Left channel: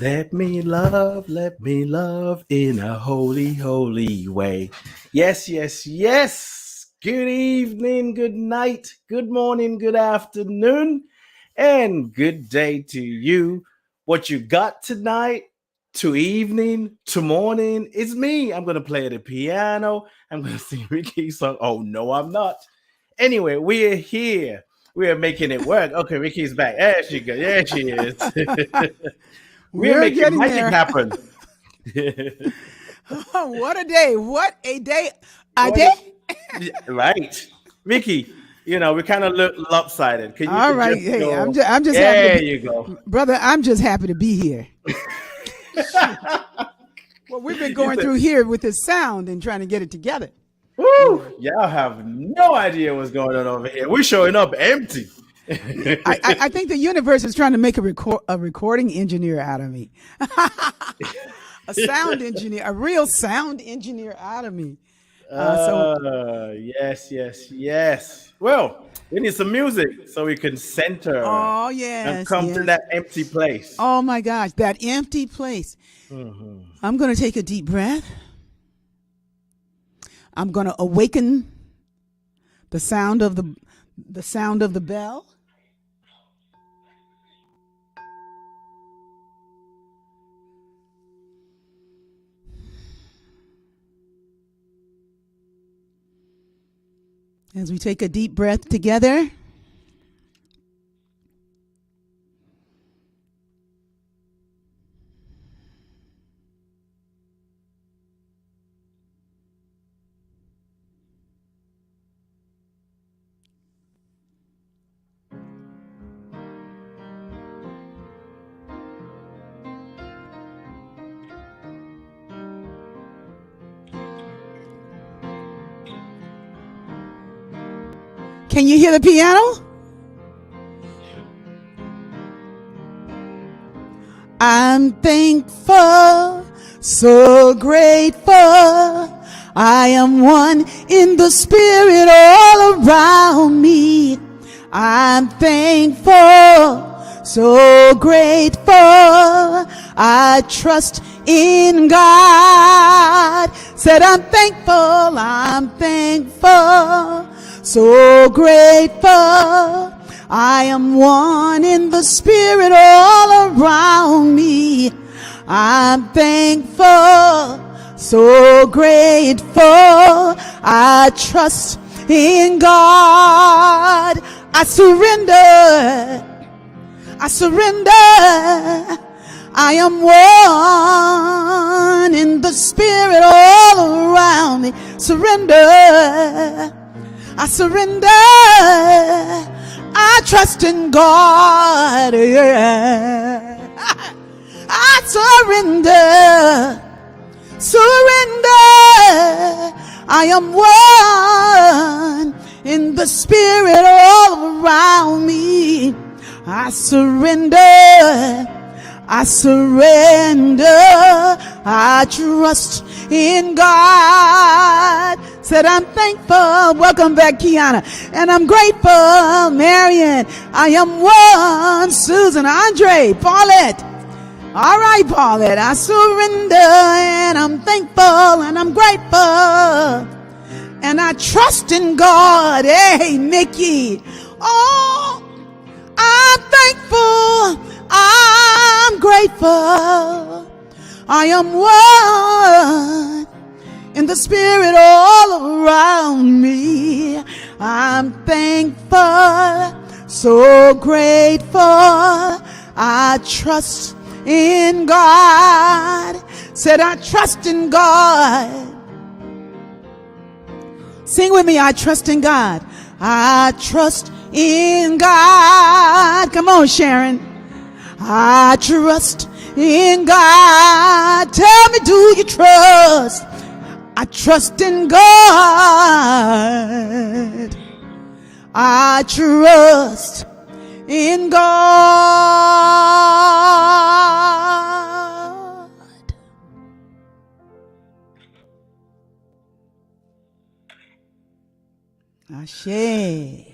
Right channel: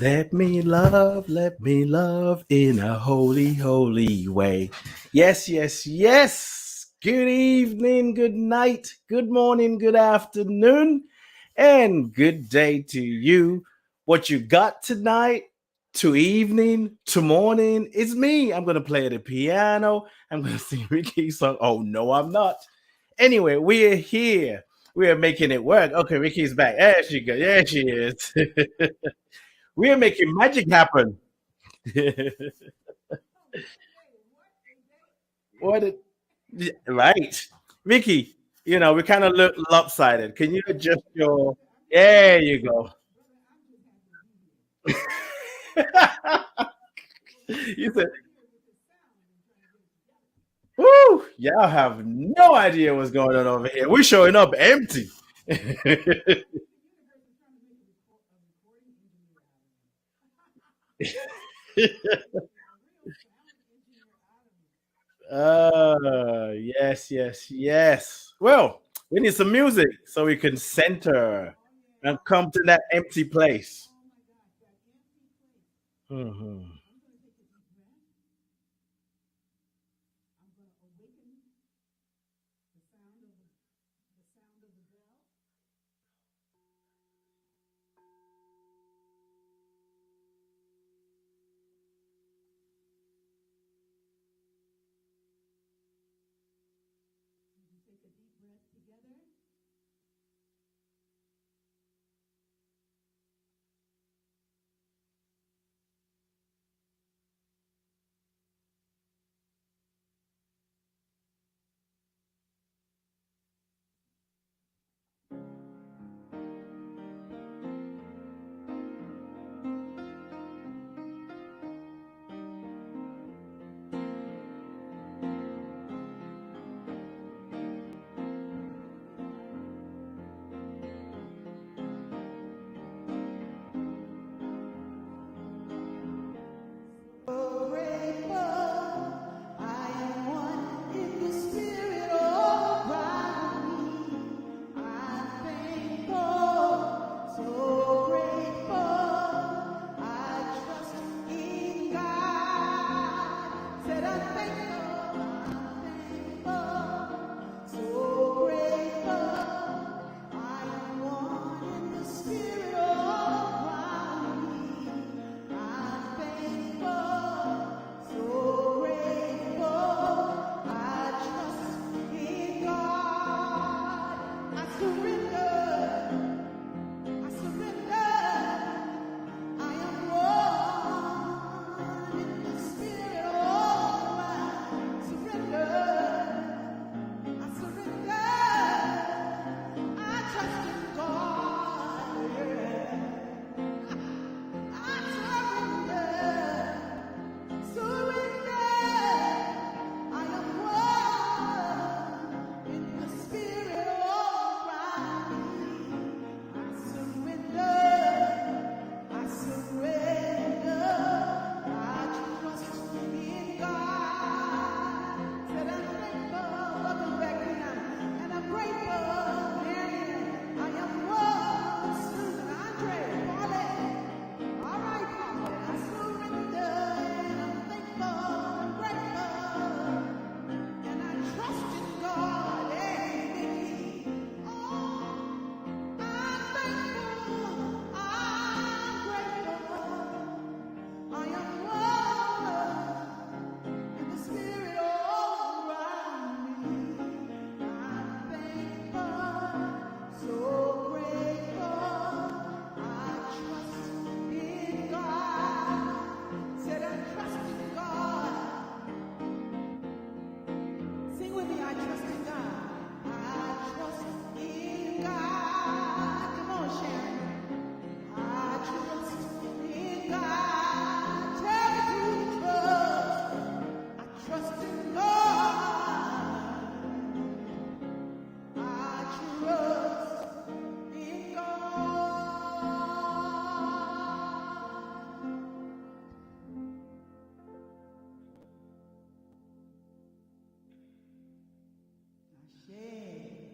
Let me love in a holy, holy way. Yes, yes, yes. Good evening, good night, good morning, good afternoon, and good day to you. What you got tonight, to evening, to morning, is me. I'm going to play the piano. I'm going to sing Rickie's song. Oh, no, I'm not. Anyway, we're here. We are making it work. Okay, Rickie's back. There she goes. There she is. We are We're making getting magic there. happen. What a day. What a day. A What day? a- yeah, right. Vicky, we kind of look lopsided. Can you All right. just Hey, I'm go? just, I'm just happy to There be, you go. brother, I'm just happy to be here. Shoot. What we've been You going said, through here with this sound and trying to get it together. woo, y'all have no idea what's going on over here. We're showing up empty. I think the universe is trying to make a recording engineer out of me, a sound engineer, a real sound engineer out of me. So, Yes, yes, yes. Well, we need some music so we can center oh, and yes, come to yes. that empty place. Oh, my gosh, that empty place. Mhm. I'm going to take a deep breath. I'm going to awaken the sound of the bell. As we take a deep breath together. Can you hear the piano? I'm thankful, so grateful. I am one in the spirit all around me. I'm thankful, so grateful. I trust in God. Said I'm thankful, so grateful. I am one in the spirit all around me. I'm thankful, so grateful. I trust in God. I surrender. I am one in the spirit all around me. Surrender. I surrender. I trust in God. Yeah. I surrender. I am one in the spirit all around me. I surrender. I trust in God. Said I'm thankful. Welcome back, Kiana. And I'm grateful, Marion. I am one. Susan, Andre, Paulette. All right, Paulette. I surrender and I'm thankful and I'm grateful. And I trust in God. Hey, Mickey. Oh, I'm thankful. I'm grateful. I am one in the spirit all around me. I'm thankful, so grateful. I trust in God. Said I trust in God. Sing with me, I trust in God. I trust in God. Come on, Sharon. I trust in God. Tell me, do you trust? I trust in God. I trust in God. Ashe.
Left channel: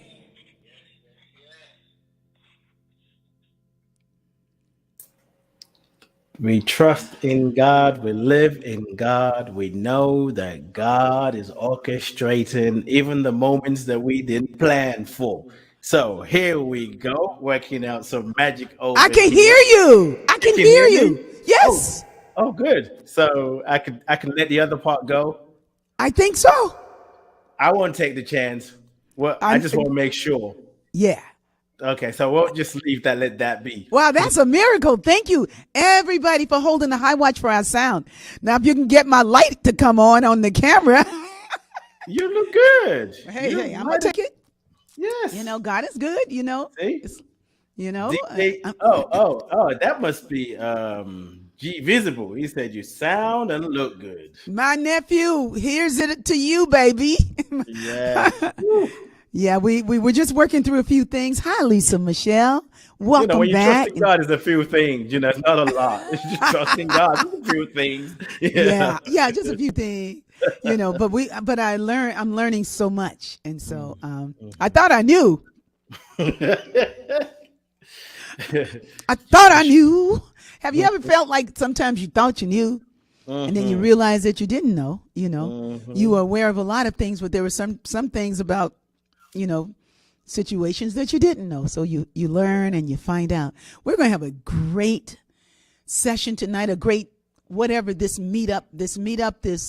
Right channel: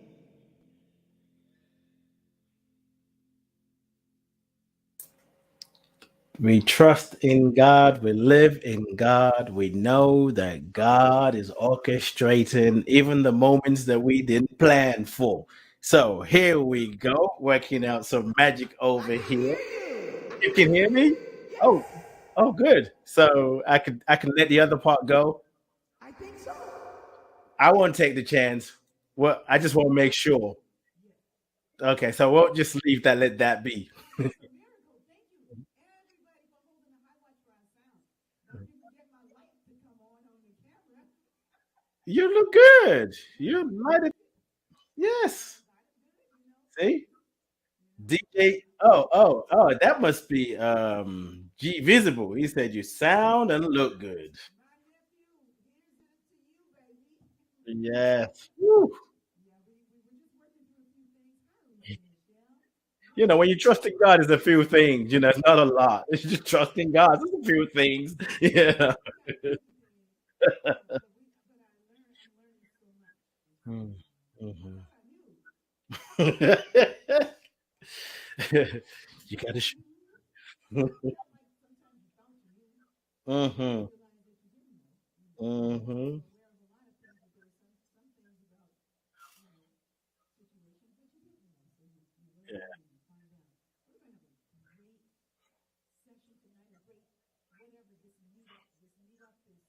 We trust in God, we live in God, we know that God is orchestrating even the moments that we didn't plan for. So here we go, working out some magic I over can hear here. you. I You can can hear hear you. me? Oh, Yes, oh, good. So I can let the other part go. I think so. I won't take the chance. Well, I I'm, just want to make sure. yeah. Okay, so we'll just leave that, let that be. Wow, that's a miracle. Thank you, everybody, for holding the high watch for our sound. Now, if you can get my light to come on the camera, You look good. hey, You I'm gonna might have, take it. yes. God is good. See? It's you know. DJ. Oh, that must be G Visible. He said you sound and look good. My nephew, here's it to you, baby. Yes. Woo. Yeah, we were just working through a few things. Hi, Lisa Michelle. When Welcome you trust back. in God, it's a few things. It's not a lot. It's just trusting God. It's a few things. Yeah. Yeah, just a few things. But I'm learning so much, and so I thought I knew. I thought I knew. Have you ever felt like sometimes you thought you knew, and then you realize that you didn't know? You were aware of a lot of things, but there were some things about situations that you didn't know. So you learn and you find out. We're going to have a great session tonight, a great whatever this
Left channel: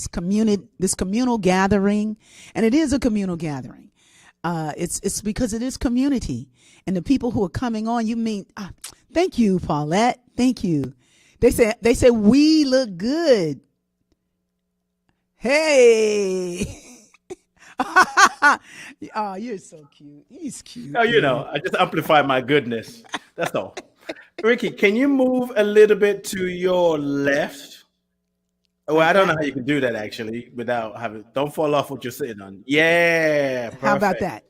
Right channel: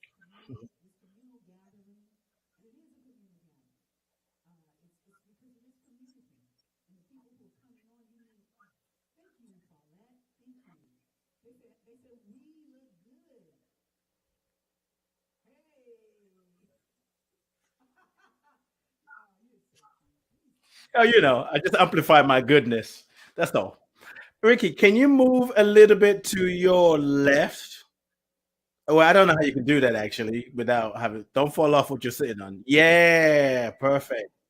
communal gathering, and it is a communal gathering. It's because it is community, and the people who are coming on. Thank you, Paulette. Thank you. They say we look good. Hey. Oh, you're so cute. He's cute. Oh, I just amplify my goodness. That's all. Rickie, can you move a little bit to your left? Well, I don't know how you can do that actually without having. Don't fall off what you're sitting on. Yeah, perfect. How about that?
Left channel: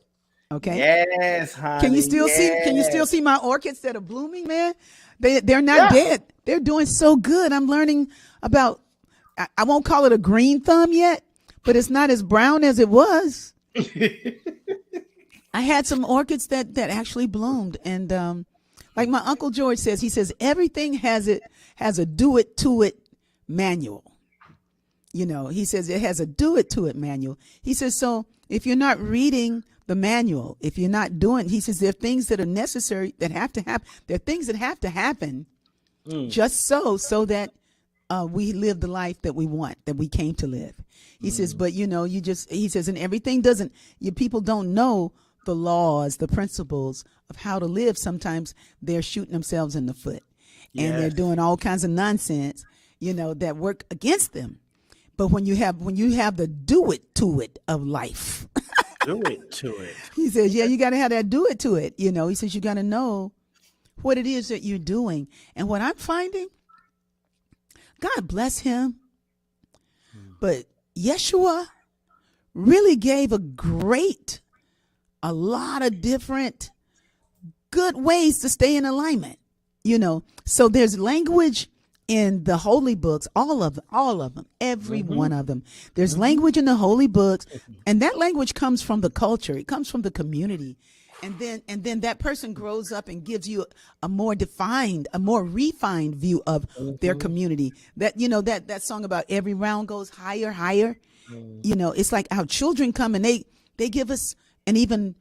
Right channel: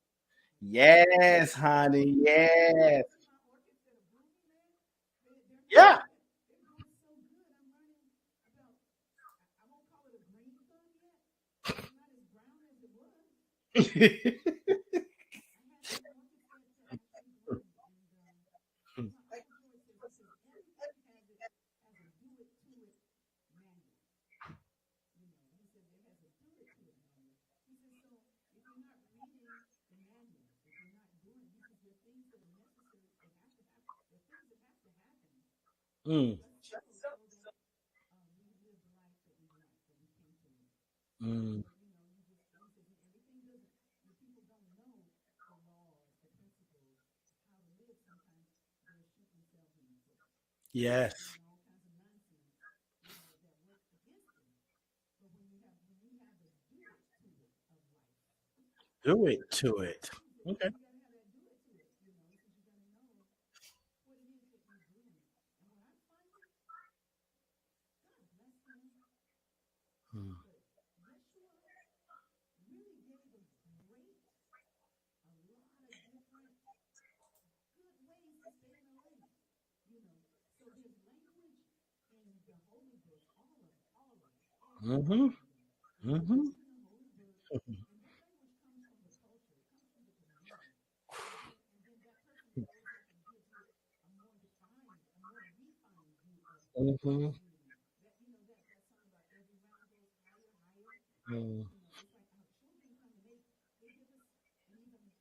Okay. Yes, honey. Can you still yes. see? Can you still see my orchids that are blooming, man? They're not dead. They're doing so good. I'm learning about. I won't call it a green thumb yet, but it's not as brown as it was. I had some orchids that actually bloomed, and like my Uncle George says, he says everything has a do it to it manual. He says it has a do it to it manual. He says, so if you're not reading the manual, if you're not doing, he says there are things that are necessary that have to happen. There are things that have to happen just so that we live the life that we want, that we came to live. He says, but he says, and everything people don't know the laws, the principles of how to live. Sometimes they're shooting themselves in the foot and they're doing all kinds of nonsense, that work against them. But when you have the do it to it of life, do it to it. He says, you got to have that do it to it. He says, you got to know what it is that you're doing. And what I'm finding, God bless him, but Yeshua really gave a lot of different good ways to stay in alignment, So there's language in the holy books, all of them, every one of them. There's language in the holy books, and that language comes from the culture. It comes from the community. And then that person grows up and gives you a more refined view of their community. That that song about every round goes higher, higher. It's like our children come and they give us an even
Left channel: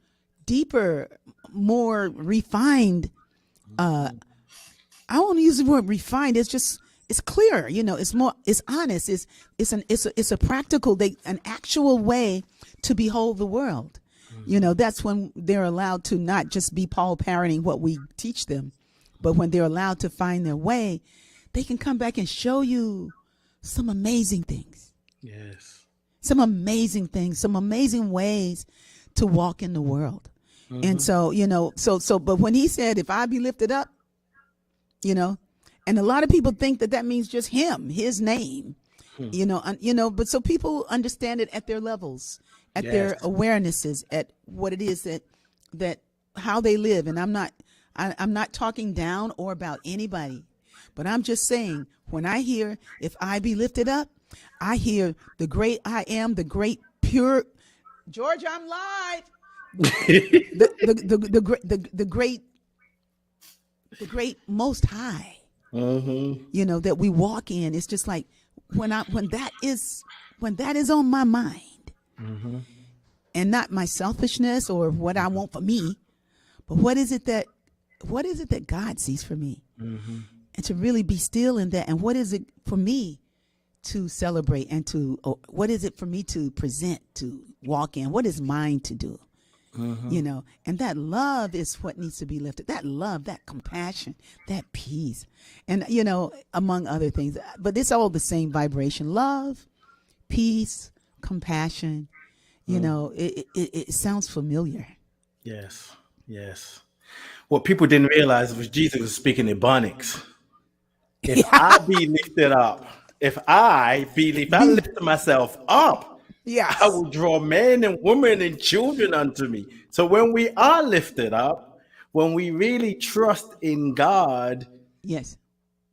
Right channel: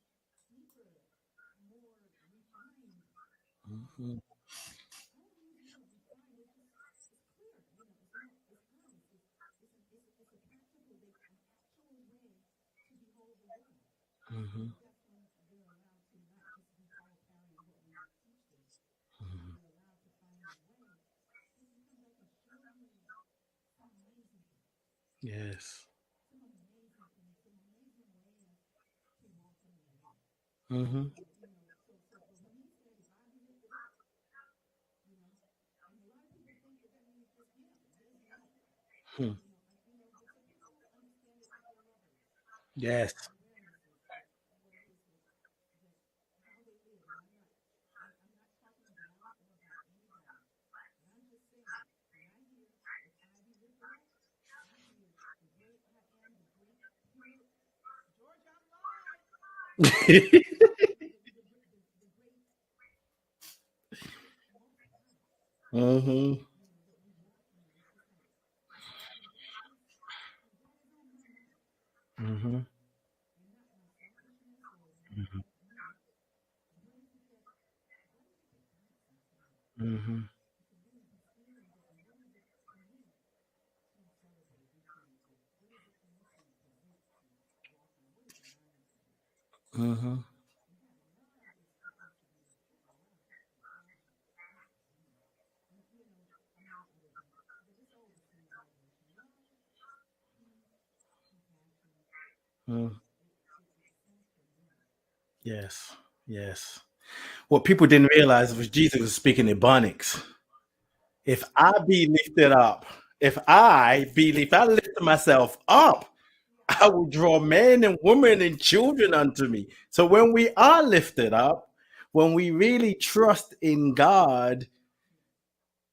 deeper, more refined. I won't use the word refined. It's clear. It's honest. It's a practical, an actual way to behold the world. That's when they're allowed to not just be Paul parroting what we teach them, but when they're allowed to find their way, they can come back and show you some amazing things. Yes. Some amazing things, some amazing ways to walk in the world. And so, but when he said, if I be lifted up, and a lot of people think that means just him, his name, but so people understand it at their levels, at their awarenesses, at what it is that how they live. And I'm not talking down or about anybody, but I'm just saying, when I hear, if I be lifted up, I hear the great I am, the great pure George, I'm live. The great most high. you know, that we walk in. It's just like when that is on my mind, and not my selfishness or what I want for me, but what is it that God sees for me, and to really be still in that. And what is it for me to celebrate, and what is it for me to present, to walk in? What is mine to do? You know, and that love is what needs to be lifted. That love, that compassion, that peace, and, you know, among other things. But it's all the same vibration: love, peace, compassion. You know, it sounds familiar. Yes. Yes. What people didn't realize was Jesus was speaking Ebonics. If I be lifted up, if I lift myself up, Yes. I will draw men and women and children unto me. So when we are lifted up, when we really trust in God, Yes.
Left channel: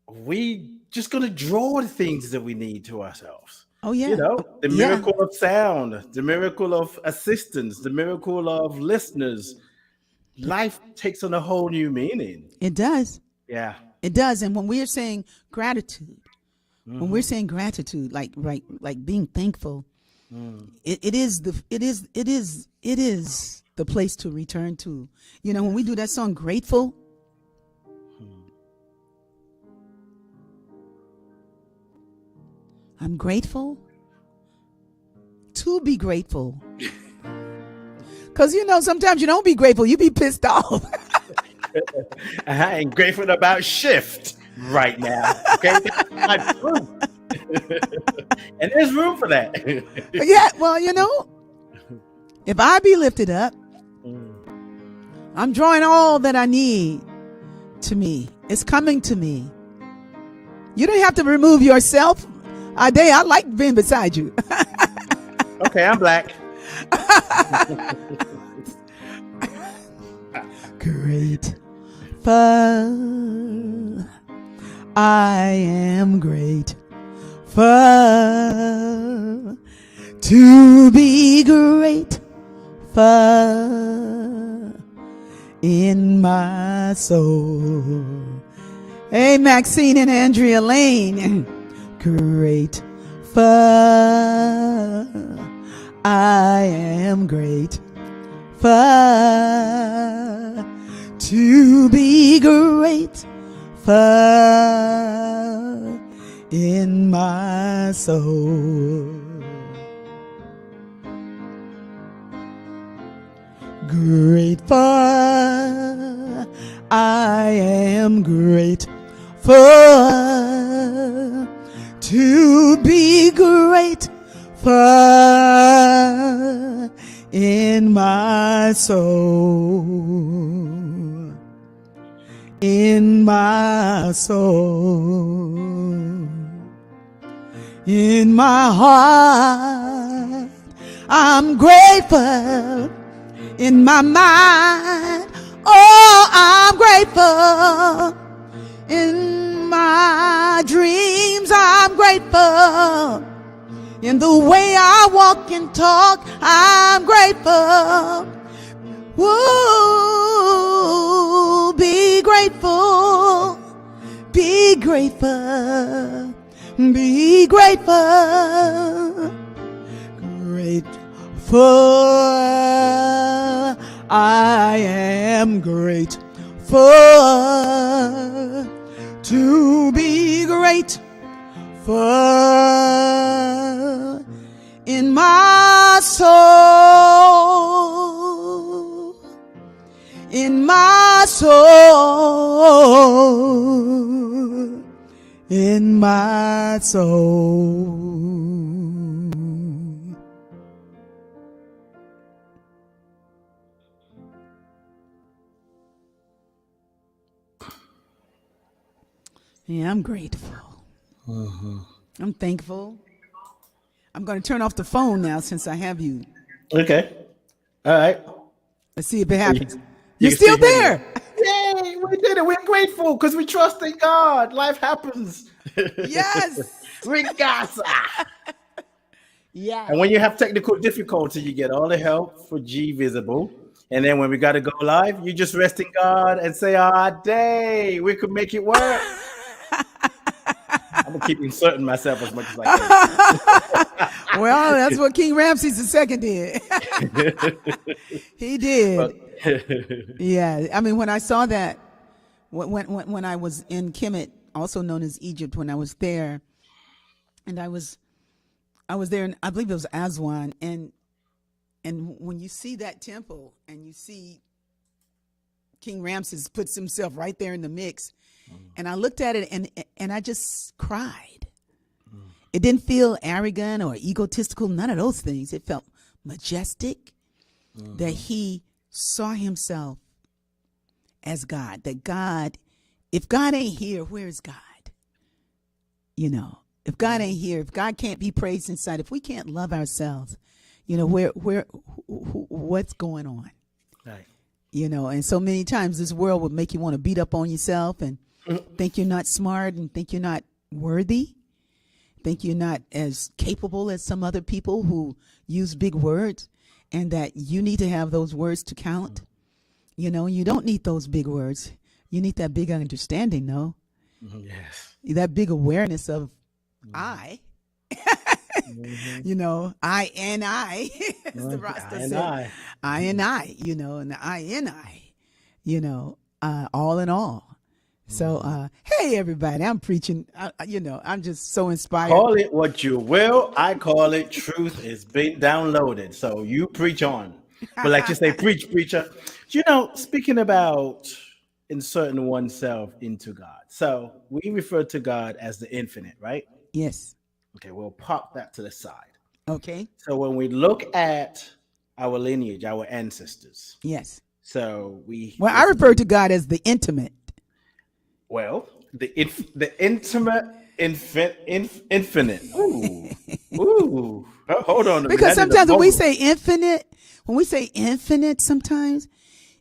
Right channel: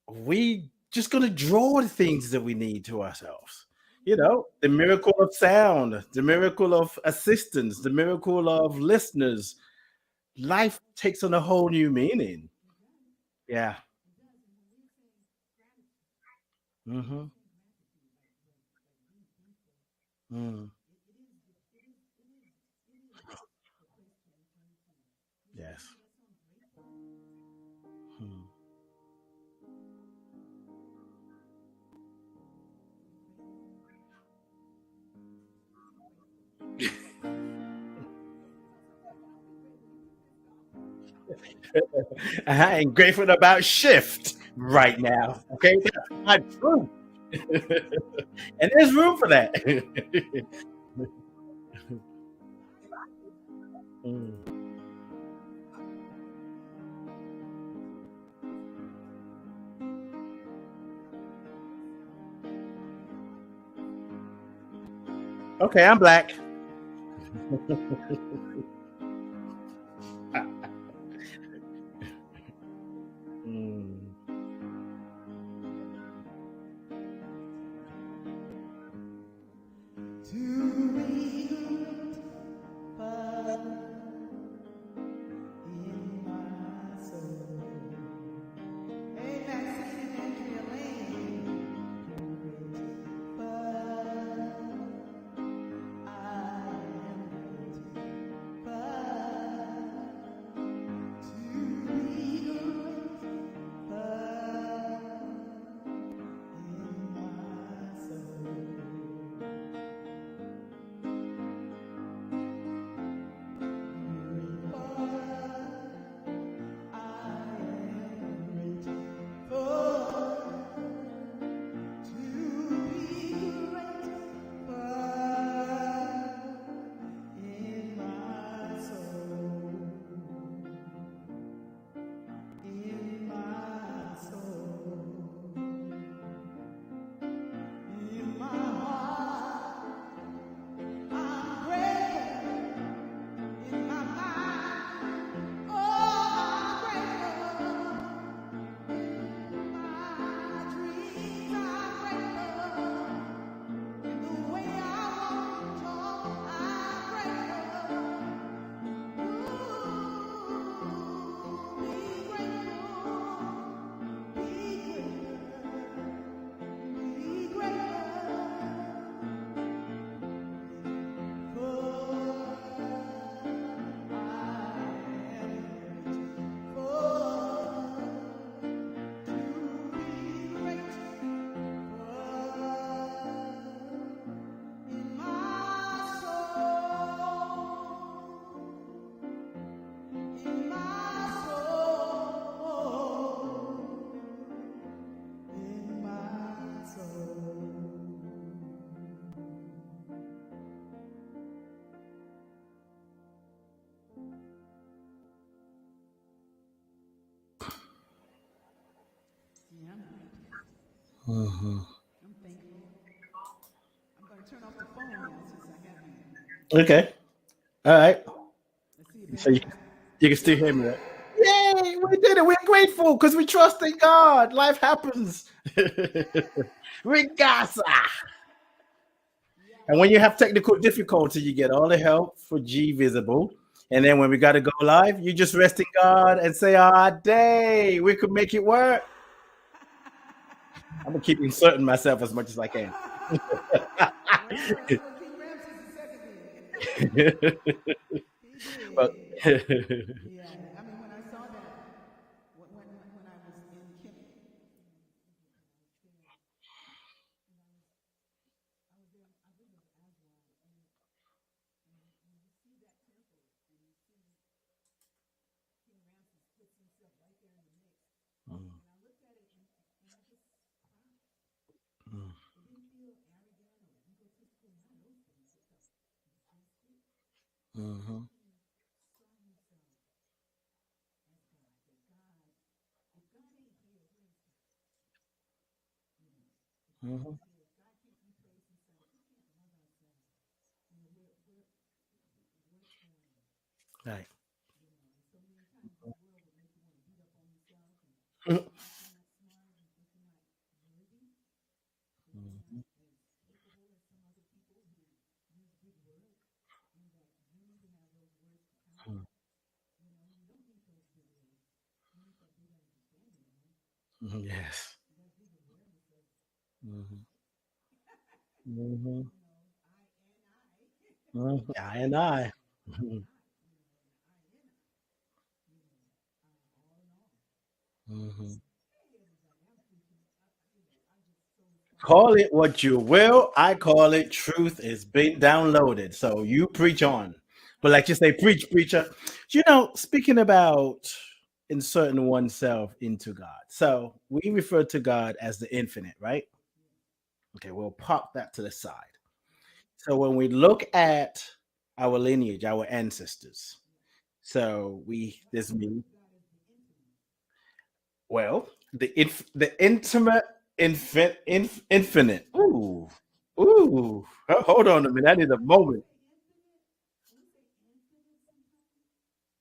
we just gonna draw the things that we need to ourselves. Oh yeah. You know, the Yeah. miracle of sound, the miracle of assistance, the miracle of listeners. Life takes on a whole new meaning. It does. Yeah. It does. And when we're saying gratitude, when we're Mm-hmm. saying gratitude, like being thankful, Mm. it is the place to return to. You know, when we do that song Grateful, I'm grateful to be grateful. Because, you know, sometimes you don't be grateful, you be pissed off. I ain't grateful about shift right now. Okay, that's not true. And there's room for that. Yeah, well, you know, if I be lifted up, I'm drawing all that I need to me. It's coming to me. You don't have to remove yourself. Ade, I like being beside you. Okay, I'm black. Grateful. I am grateful to be grateful in my soul. Hey, Maxine and Andrea Lane. Grateful. I am grateful to be grateful in my soul. Grateful. I am grateful to be grateful in my soul. In my soul. In my heart, I'm grateful. In my mind, oh, I'm grateful. In my dreams, I'm grateful. In the way I walk and talk, I'm grateful. Woo, be grateful. Be grateful. Be grateful. Grateful. I am grateful to be grateful in my soul. In my soul. In my soul. Yeah, I'm grateful. I'm thankful. I'm going to turn off the phone now since I have you. Okay. All right. Let's see if it happens. You You're can still hear me. there. Yay, we did it. We're grateful because we trust in God. Life happens. Yes. Regasa. Yeah. And when you have technical difficulty, you get all the help for G Visible. And then when we got to go live, you just rest in God and say, "Ah, day, we could make it work." I'm gonna keep inserting myself as much as I can. Well, that's what King Ramses II did. He did. But Yeah. I mean, when I saw that, when I was in Kemet, also known as Egypt, when I was there, and I was there, and I believe it was Aswan, and when you see that temple and you see King Ramses puts himself right there in the mix, and I looked at it and I just cried. It didn't feel arrogant or egotistical, none of those things. It felt majestic, that he saw himself as God. That God, if God ain't here, where is God? You know, if God ain't here, if God can't be praised inside, if we can't love ourselves, you know, what's going on? right. You know, and so many times this world would make you want to beat up on yourself and think you're not smart and think you're not worthy, think you're not as capable as some other people who use big words, and that you need to have those words to count. You know, you don't need those big words. You need that big understanding, no? Yes. That big awareness of I. You know, I and I. As the Rasta I and said. I. And I, you know, and the I and I, you know, all in all. So, hey, everybody, I'm preaching, you know, I'm just so inspired. Call it what you will. I call it truth is being downloaded. So you preach on. But like you say, preach, preacher. You know, speaking about inserting oneself into God. So we refer to God as the infinite, right? Yes. Okay, we'll pop that to the side. Okay. So when we look at our lineage, our ancestors. Yes. So I refer to God as the intimate. Well, the intimate infinite. Ooh. Ooh. Hold on a minute. Because sometimes when we say infinite, sometimes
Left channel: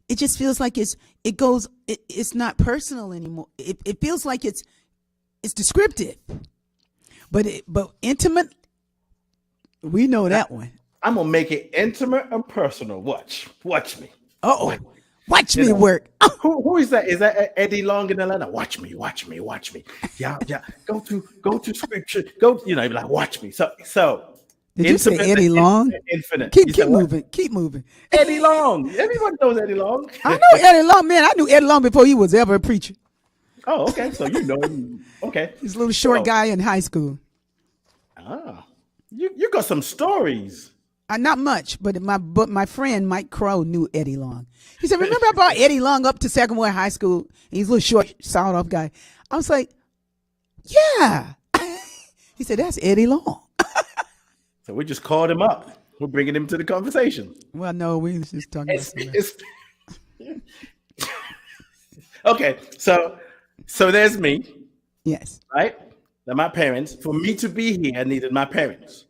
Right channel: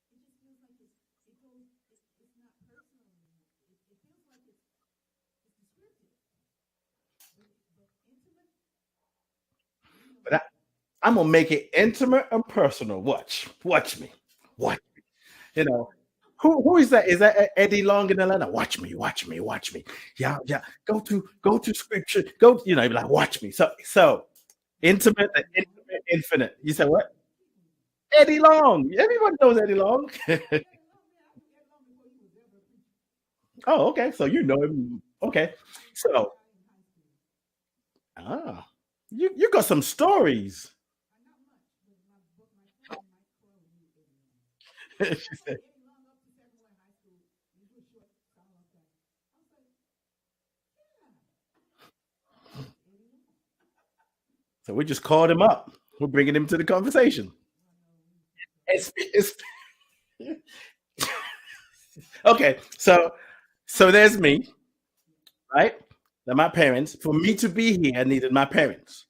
it just feels like it's not personal anymore. It feels like it's descriptive. But intimate, we know that one. I'm gonna make it intimate and personal. Watch me. Uh-oh. Watch me work. Who is that? Is that Eddie Long in Atlanta? Watch me. Yeah. Go to scripture. Go. You know, like watch me. So. Did you say Eddie Long? Infinite. Keep moving. Eddie Long. Everyone knows Eddie Long. I know Eddie Long, man. I knew Eddie Long before he was ever a preacher. Oh, okay. So you know him. Okay. He's a little short guy in high school. Ah, you got some stories. Not much, but my friend Mike Crow knew Eddie Long. He said, "Remember I brought Eddie Long up to Sagamore High School? And he's a little short, sawed off guy." I was like, "Yeah." He said, "That's Eddie Long." So we just called him up. We're bringing him to the conversation. Well, no, we was just talking. Okay, so there's me. Yes. Right? Now my parents. For me to be here, I needed my parents.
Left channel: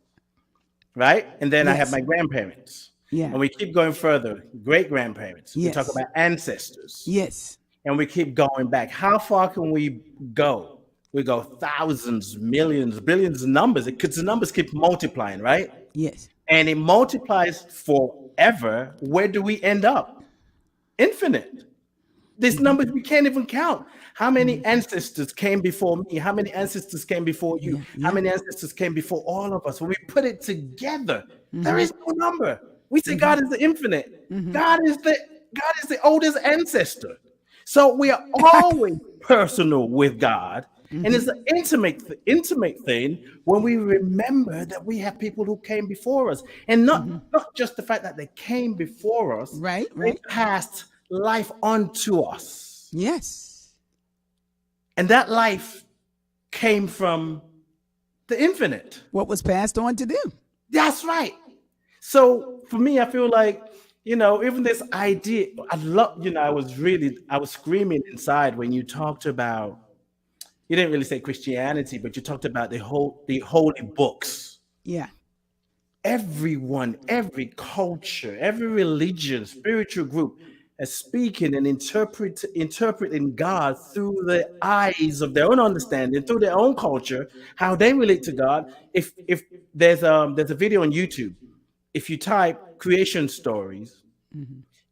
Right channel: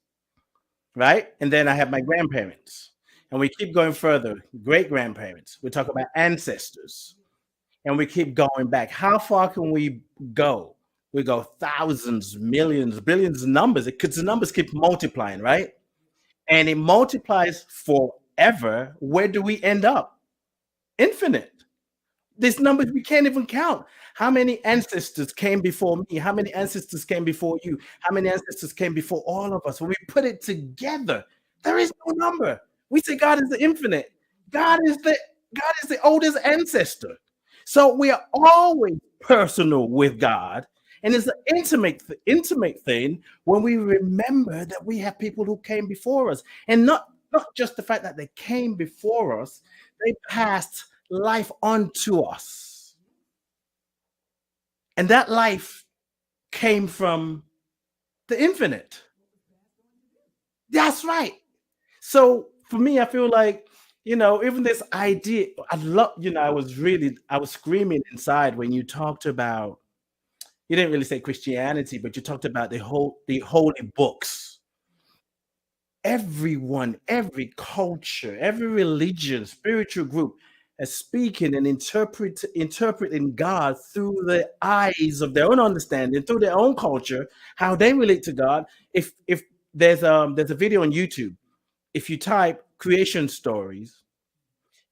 Right? And then I have my grandparents. Yeah. And we keep going further. Great grandparents. Yes. We talk about ancestors. Yes. And we keep going back. How far can we go? We go thousands, millions, billions of numbers. Because the numbers keep multiplying, right? Yes. And it multiplies forever. Where do we end up? Infinite. These numbers we can't even count. How many ancestors came before me? How many ancestors came before you? How many ancestors came before all of us? When we put it together, there is no number. We say God is the infinite. God is the oldest ancestor. So we are always personal with God. And it's an intimate thing when we remember that we have people who came before us. And not just the fact that they came before us, Right. they passed life onto us. Yes. And that life came from the infinite. What was passed on to them. That's right. So for me, I feel like, you know, even this idea, I love, you know, I was screaming inside when you talked about, you didn't really say Christianity, but you talked about the holy books. Yeah. Everyone, every culture, every religion, spiritual group is speaking and interpreting God through the eyes of their own understanding, through their own culture, how they relate to God. If there's a video on YouTube, if you type creation stories,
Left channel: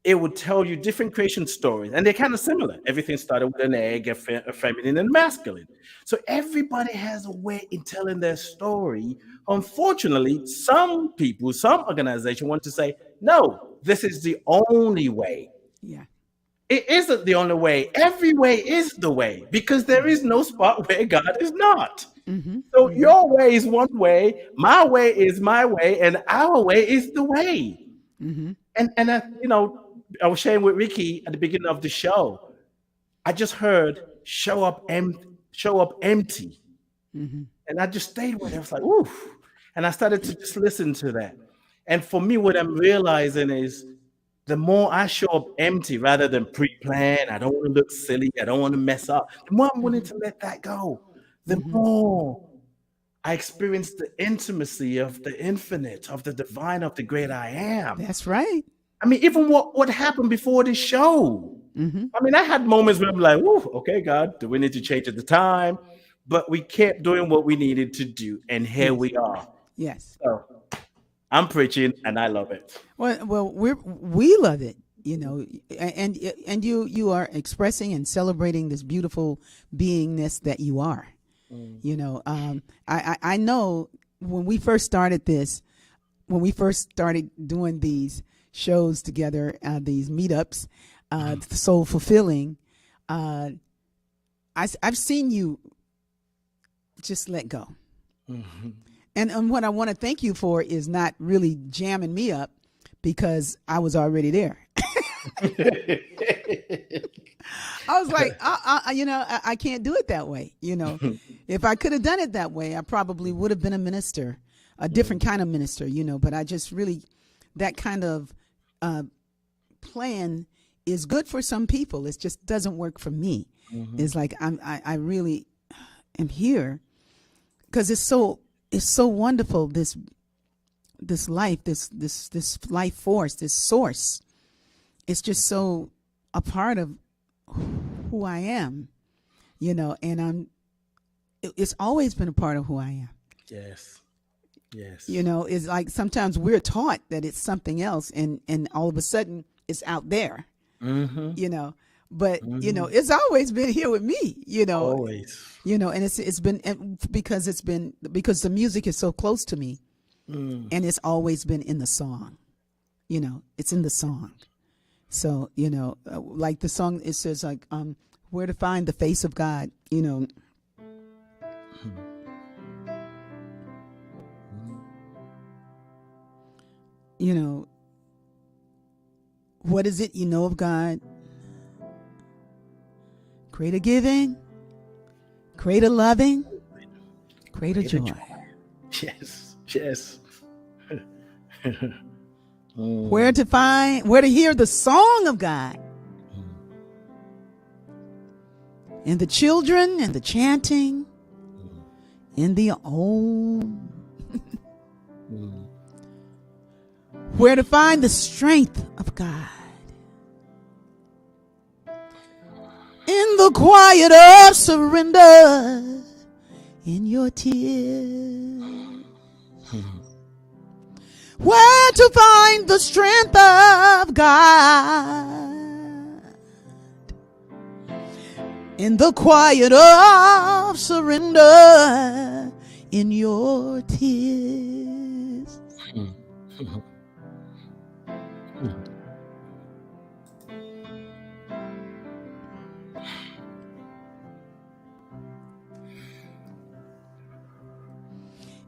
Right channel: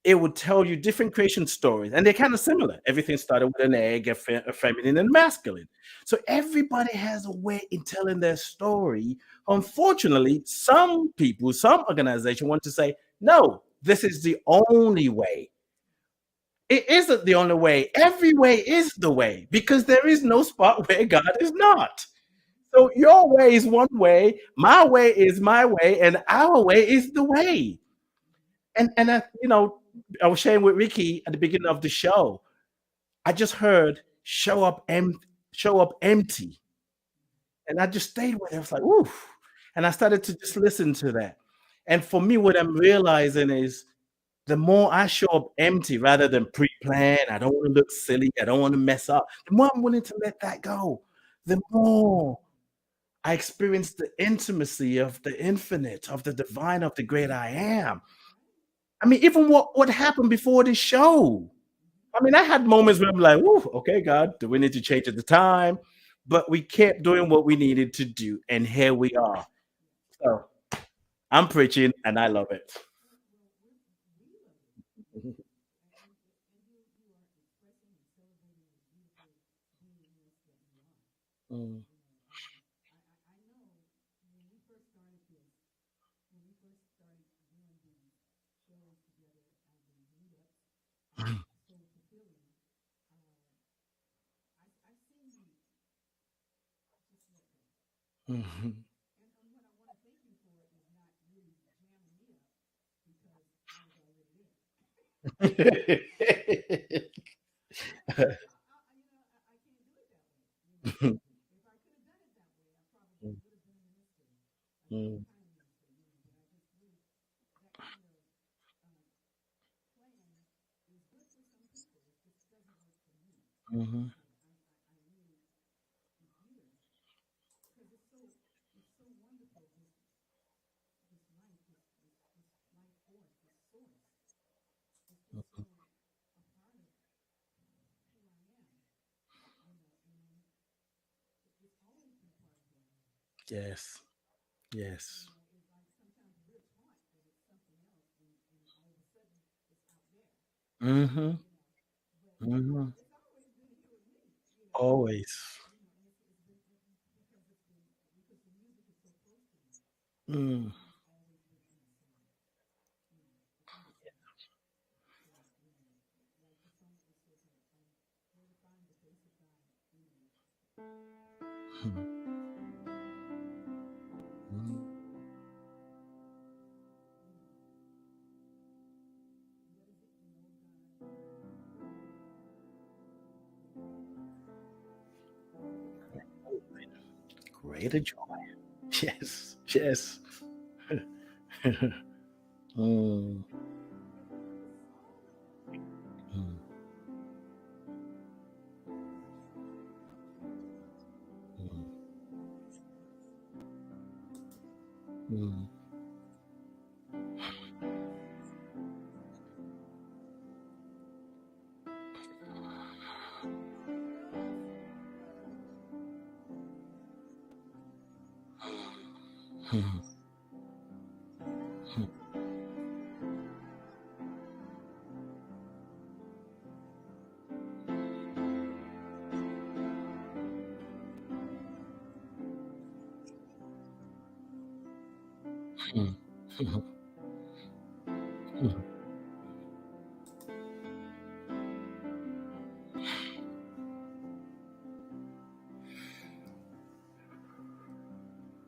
it would tell you different creation stories, and they're kind of similar. Everything started with an egg, a feminine and masculine. So everybody has a way in telling their story. Unfortunately, some people, some organizations want to say, no, this is the only way. Yeah. It isn't the only way. Every way is the way because there is no spot where God is not. Mm-hmm. So Mm-hmm. your way is one way, my way is my way, and our way is the way. Mm-hmm. And I was sharing with Rickie at the beginning of the show. I just heard show up empty. Mm-hmm. And I just stayed with it. I was like, ooh. And I started to just listen to that. And for me, what I'm realizing is the more I show up empty rather than pre-planned, I don't want to look silly, I don't want to mess up. The more I'm willing to let that go, the Mm-hmm. more I experience the intimacy of the infinite, of the divine, of the great I am. That's right. I mean, even what happened before this show. Mm-hmm. I mean, I had moments where I'm like, "Whoa, okay, God, do we need to change at the time?" But we kept doing what we needed to do, and here Yes. we are. Yes. So I'm preaching, and I love it. Well, we love it, and you are expressing and celebrating this beautiful beingness that you are. Mm. I know when we first started doing these shows together, these meetups, so fulfilling. I've seen you just let go. Mm-hmm. And what I want to thank you for is not really jamming me up because I was already there. I was like, I can't do it that way. If I could have done it that way, I probably would have been a minister, a different kind of minister, but I just really, that kind of plan is good for some people. It just doesn't work for me. Mm-hmm. It's like, I really am here because it's so wonderful. This life, this life force, this source, it's just so a part of who I am, and it's always been a part of who I am. Yes. It's like sometimes we're taught that it's something else and all of a sudden it's out there, Mm-hmm. But Mm-hmm. it's always been here with me, Always. and it's been because the music is so close to me, and it's always been in the song, it's in the song. So like the song, it says like where to find the face of God, what is it you know of God? Greater giving, greater loving, greater joy. Yes. Where to hear the song of God. And the children and the chanting in the old. Where to find the strength of God. In the quiet of surrender, in your tears. Where to find the strength of God. In the quiet of surrender, in your tears.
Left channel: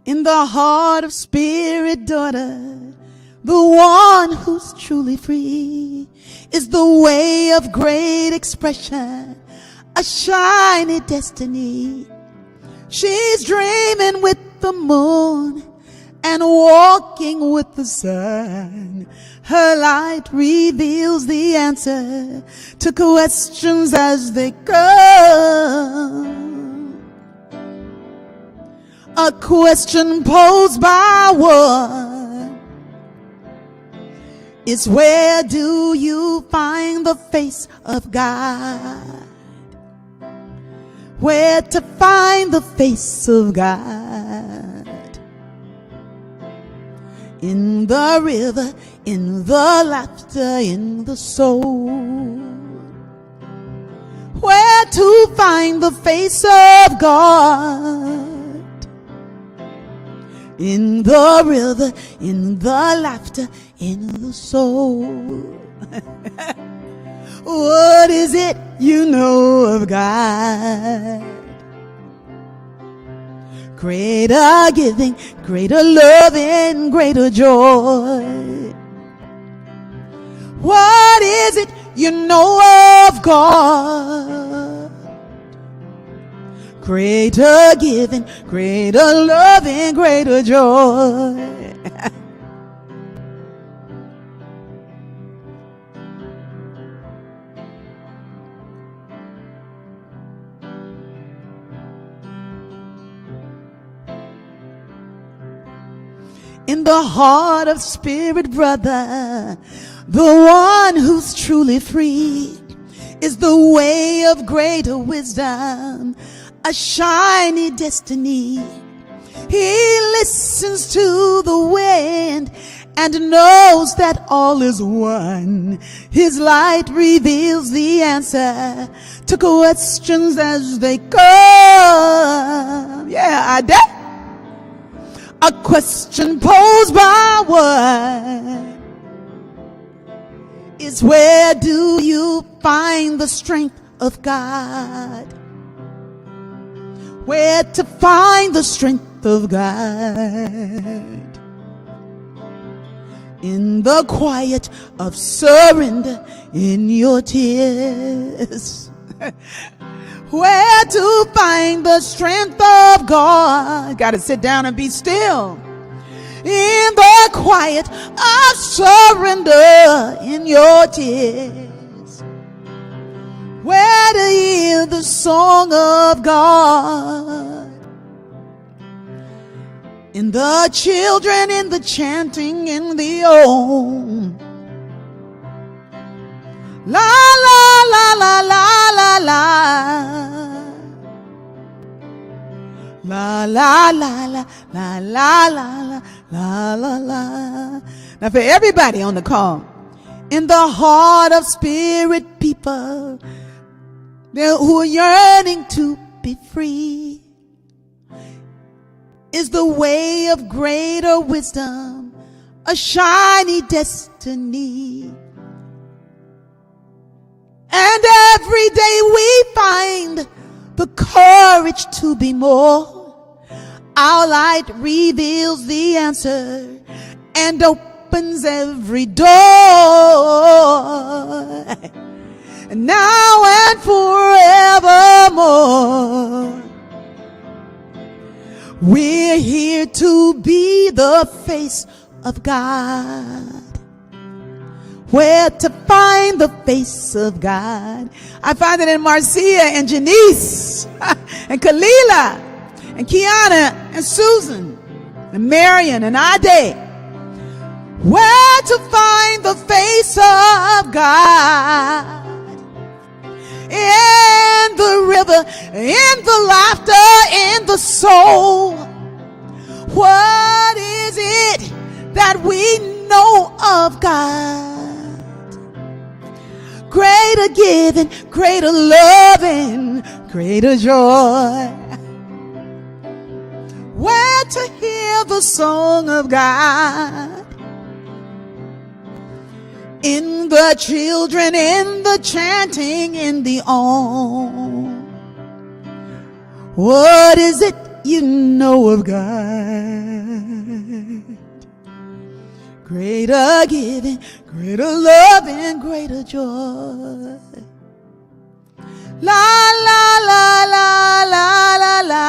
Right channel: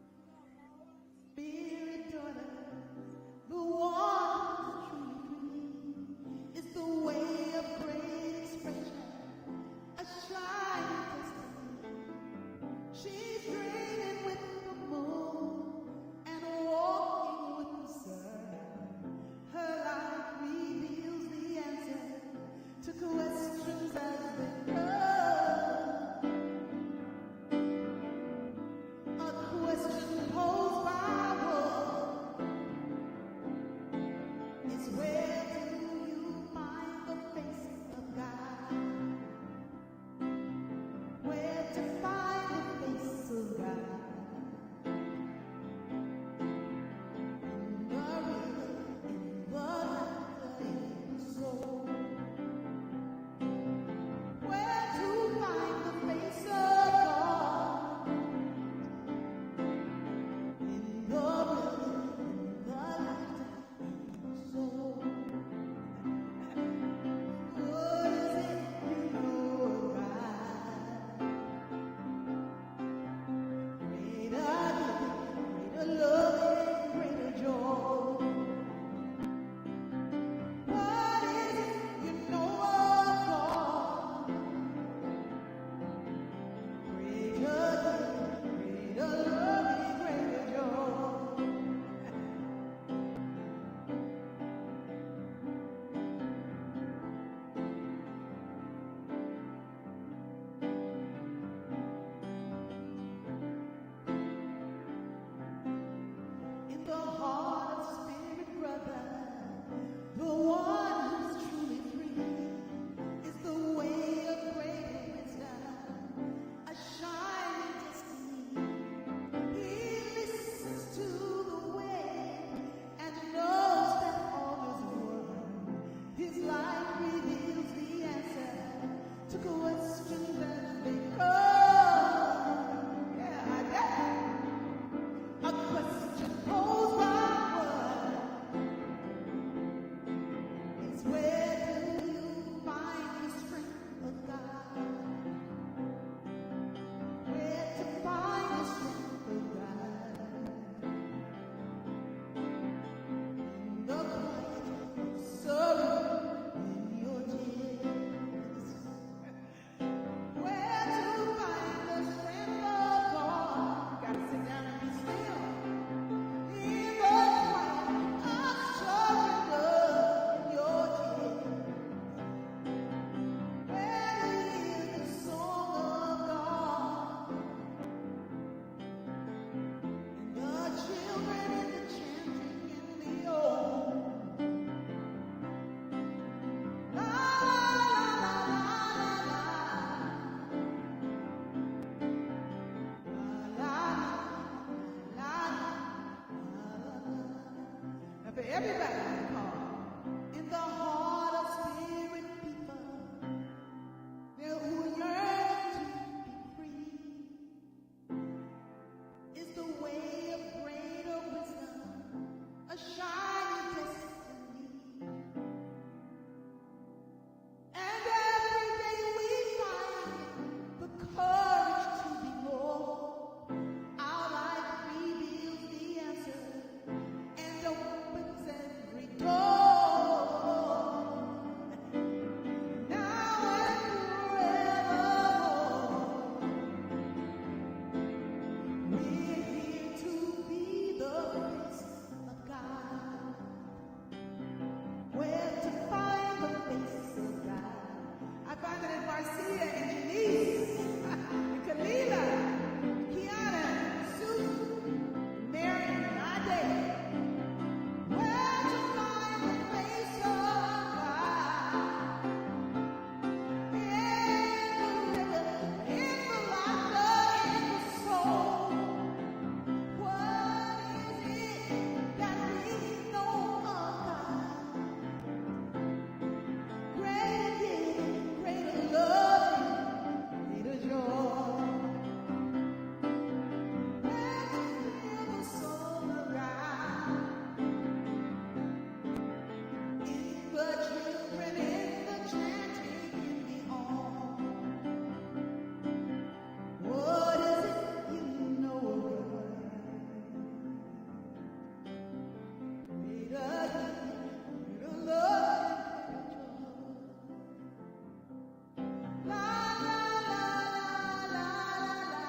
In the heart of spirit, daughter, the one who's truly free is the way of great expression, a shiny destiny. She's dreaming with the moon and walking with the sun. Her light reveals the answer to questions as they come. A question posed by one is, where do you find the face of God? Where to find the face of God? in the river, in the laughter, in the soul. Where to find the face of God? In the river, in the laughter, in the soul. What is it you know of God? Greater giving, greater loving, greater joy. What is it you know of God? Greater giving, greater loving, greater joy. In the heart of spirit, brother, the one who's truly free is the way of greater wisdom, a shiny destiny. He listens to the wind and knows that all is one. His light reveals the answer to questions as they come. Yeah, Ade. A question posed by one is, where do you find the strength of God? Where to find the strength of God? In the quiet of surrender, in your tears. Where to find the strength of God? Got to sit down and be still. In the quiet of surrender, in your tears. Where to hear the song of God? In the children, in the chanting, in the om. La la la la la la la. La la la la la la la la la la. Now for everybody on the call, in the heart of spirit people who are yearning to be free, is the way of greater wisdom, a shiny destiny. And every day we find the courage to be more. Our light reveals the answer and opens every door. And now and forevermore, we're here to be the face of God. Where to find the face of God? I find it in Marcia and Janice and Kalila and Kiana and Susan and Marion and Ade. Where to find the face of God? In the river, in the laughter, in the soul. What is it that we know of God? Greater giving, greater loving, greater joy. Where to hear the song of God? In the children, in the chanting, in the om. What is it you know of God? Greater giving, greater loving, greater joy. La la la la la la la.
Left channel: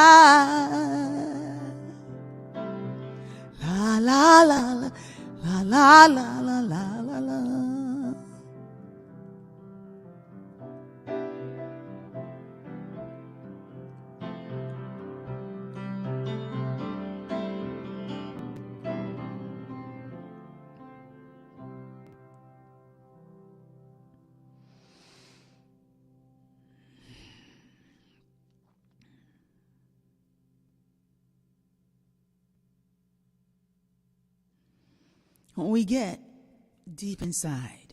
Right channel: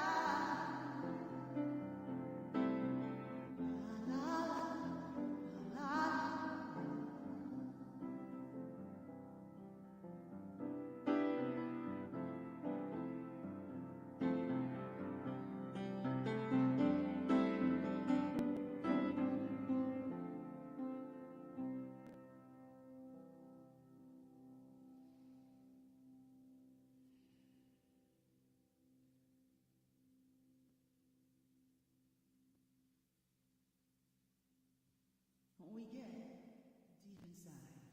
La la la la la la la la la. when we get deep inside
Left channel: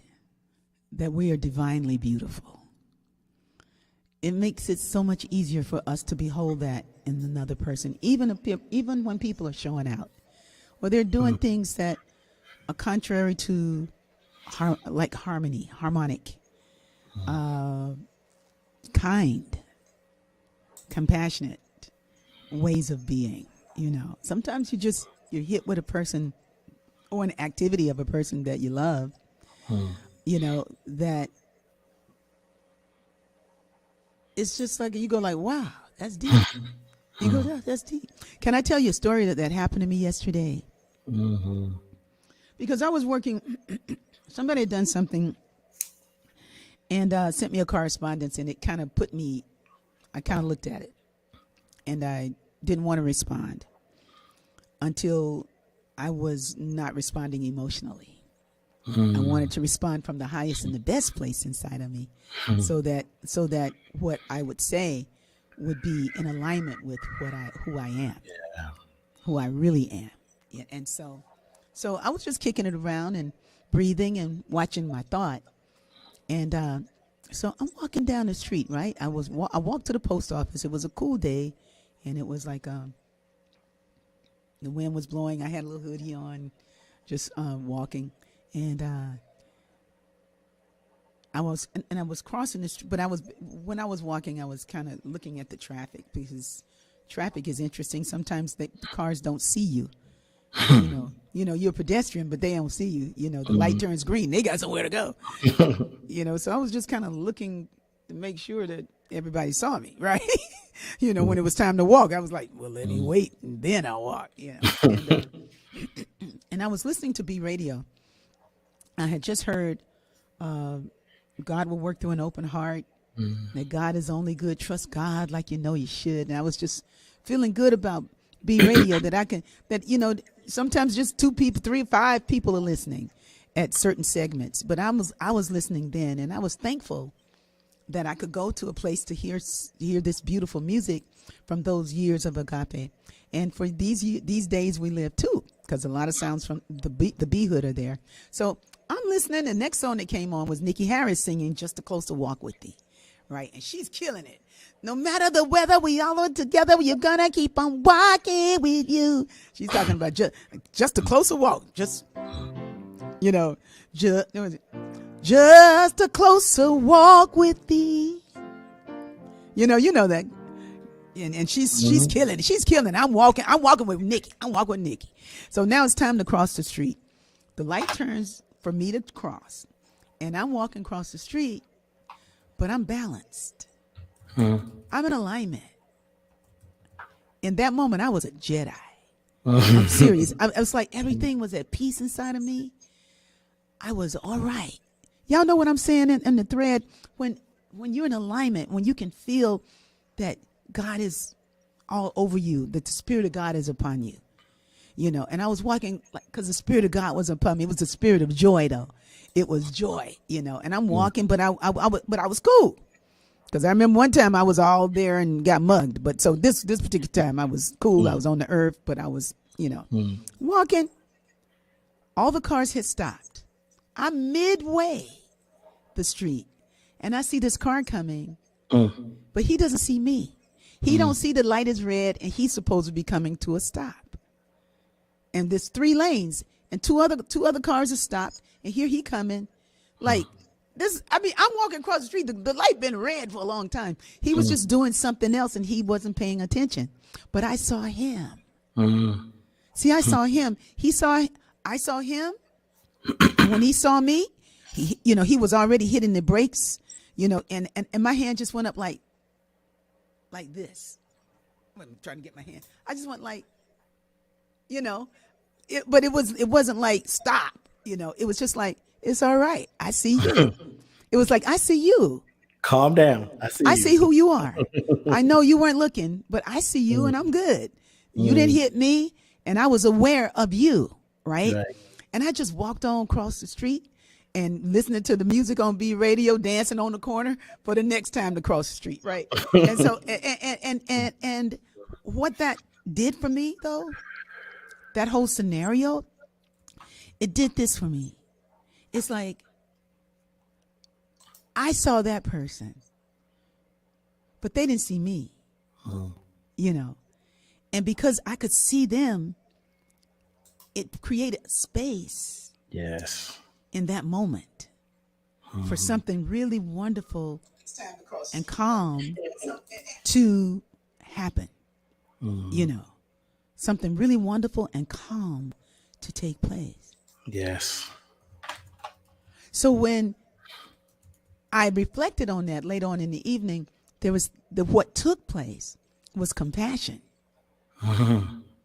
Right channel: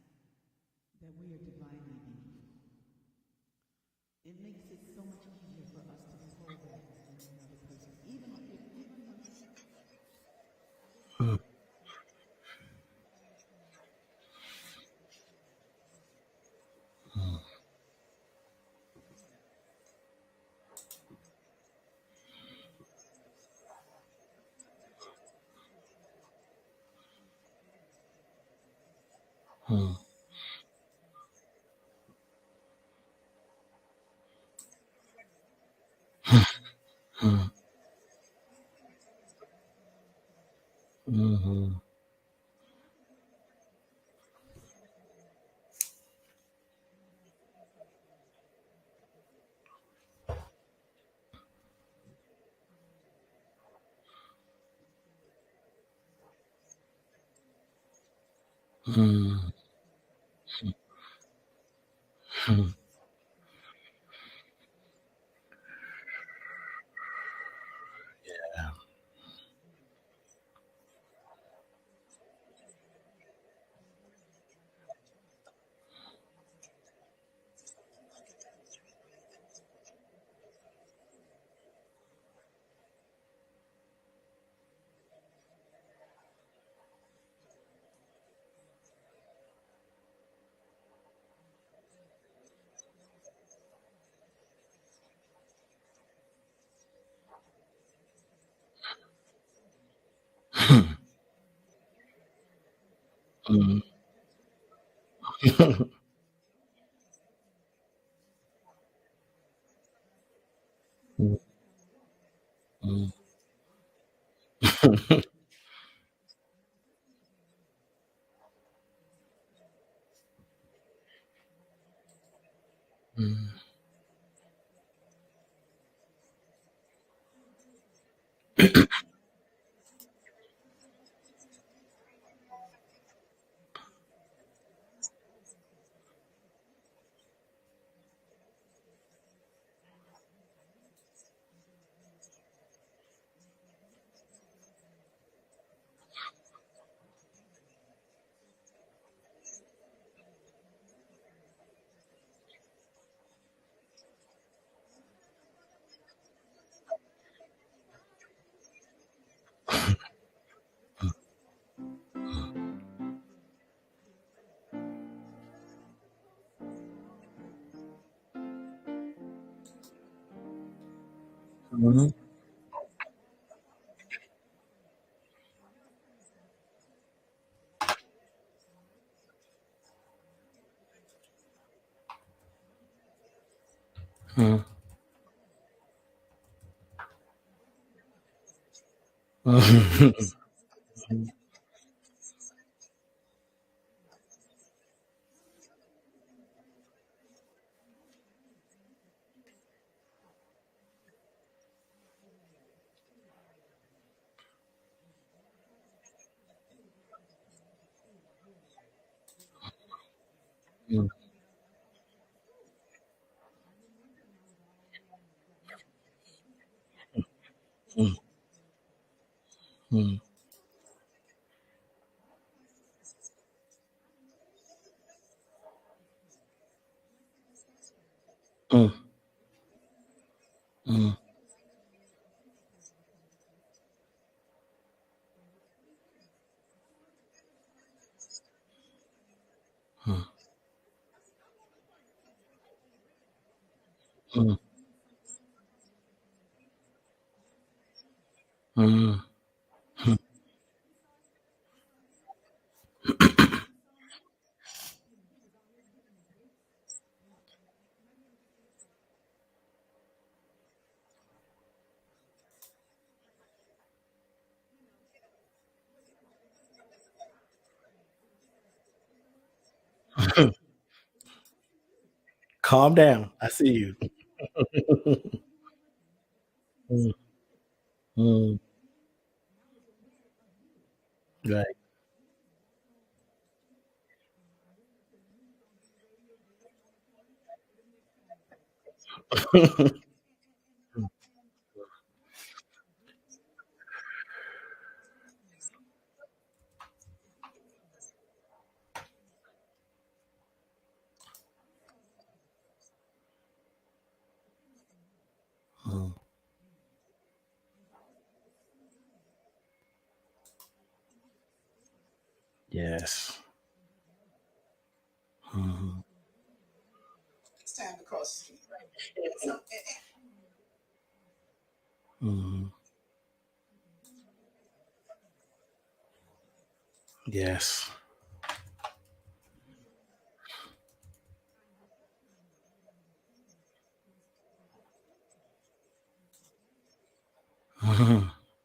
that we are divinely beautiful, it makes it so much easier for us to behold that in another person, even when people are showing out, or they're doing things that are contrary to harmonic, kind, compassionate ways of being. Sometimes you're hit with a person or an activity of a person that you love, that it's just like you go like, wow, that's deep. You go, that's deep. Can I tell you a story that happened to me yesterday? Because I was working, somebody had done something and sent me a correspondence, and it kind of I kind of looked at it, and I didn't want to respond until I was not responding emotionally. I wanted to respond from the highest and the best place inside of me, so that what I would say would be in alignment with who I am, who I really am. Yeah, and so I was just kicking it around and breathing and watching my thought. And so I'm walking down the street, right? I walked to the post office. It was a cool day, and it was like the wind was blowing. I had a little hoodie on, just walking. And I was crossing the street, but when I was walking, I was kind of looking at the traffic, because traffic is interesting. Sometimes the cars don't see you. You're a pedestrian, but they don't see you. The light turns green. They got somewhere to go. So I was just kind of looking to make sure that everybody saw me, right? When it was time to walk, I was like, well, let me wait, and then I'll walk. And I was listening to B Radio. I had just heard God will work through an open heart, that God is only good. Trust God like you know you should. And I was just feeling good about B Radio, that sometimes just 2 people, 3, 5 people are listening at certain segments. But I was listening then, and I was thankful that I could go to a place to hear this beautiful music from those years of agape. And for these days we live too, because a lot of sounds from the B hood are there. So I'm listening. The next song that came on was Nikki Harris singing "Just a Closer Walk with Thee," right? And she's killing it. No matter the weather, we all are together. You're gonna keep on walking with you. She's talking about just a closer walk. Just a closer walk with thee. You know that. And she's killing it. She's killing it. I'm walking with Nikki. So now it's time to cross the street. The light turns for me to cross, and I'm walking across the street, but I'm balanced. I'm in alignment. In that moment, I was a Jedi. I'm serious. I was like, everything was at peace inside of me. I was all right. Y'all know what I'm saying in the thread? When you're in alignment, when you can feel that God is all over you, that the Spirit of God is upon you, and I was walking because the Spirit of God was upon me. It was the spirit of joy, though. It was joy, and I'm walking, but I was cool, because I remember one time I was all there and got mugged. But so this particular time I was cool. I was on the earth, but I was, walking. All the cars had stopped. I'm midway the street, and I see this car coming, but he doesn't see me. He don't see the light is red, and he's supposed to be coming to a stop. And there's 3 lanes, and two other cars are stopped, and here he coming, like this. I mean, I'm walking across the street. The light been red for a long time. He was just doing something else, and he wasn't paying attention. But I saw him. See, I saw him. I saw him. When he saw me, he was already hitting the brakes, and my hand just went up like this. I'm trying to get my hand. I just went like, but it wasn't like stop. It was just like, it's all right. I see you. It was like, I see you. Calm down. I see who you are. I know you weren't looking, but I see you, and I'm good. You didn't hit me, and I was aware of you, right? And I just walked on across the street and listening to the music on B Radio, dancing on the corner for the next time to cross the street, right? And so, and what that did for me, though, that whole scenario, it did this for me. It's like I saw that person, but they didn't see me, you know. And because I could see them, it created space Yes. in that moment for something really wonderful and calm to happen, you know, something really wonderful and calm to take place. Yes. So when I reflected on that later on in the evening, there was what took place was compassion.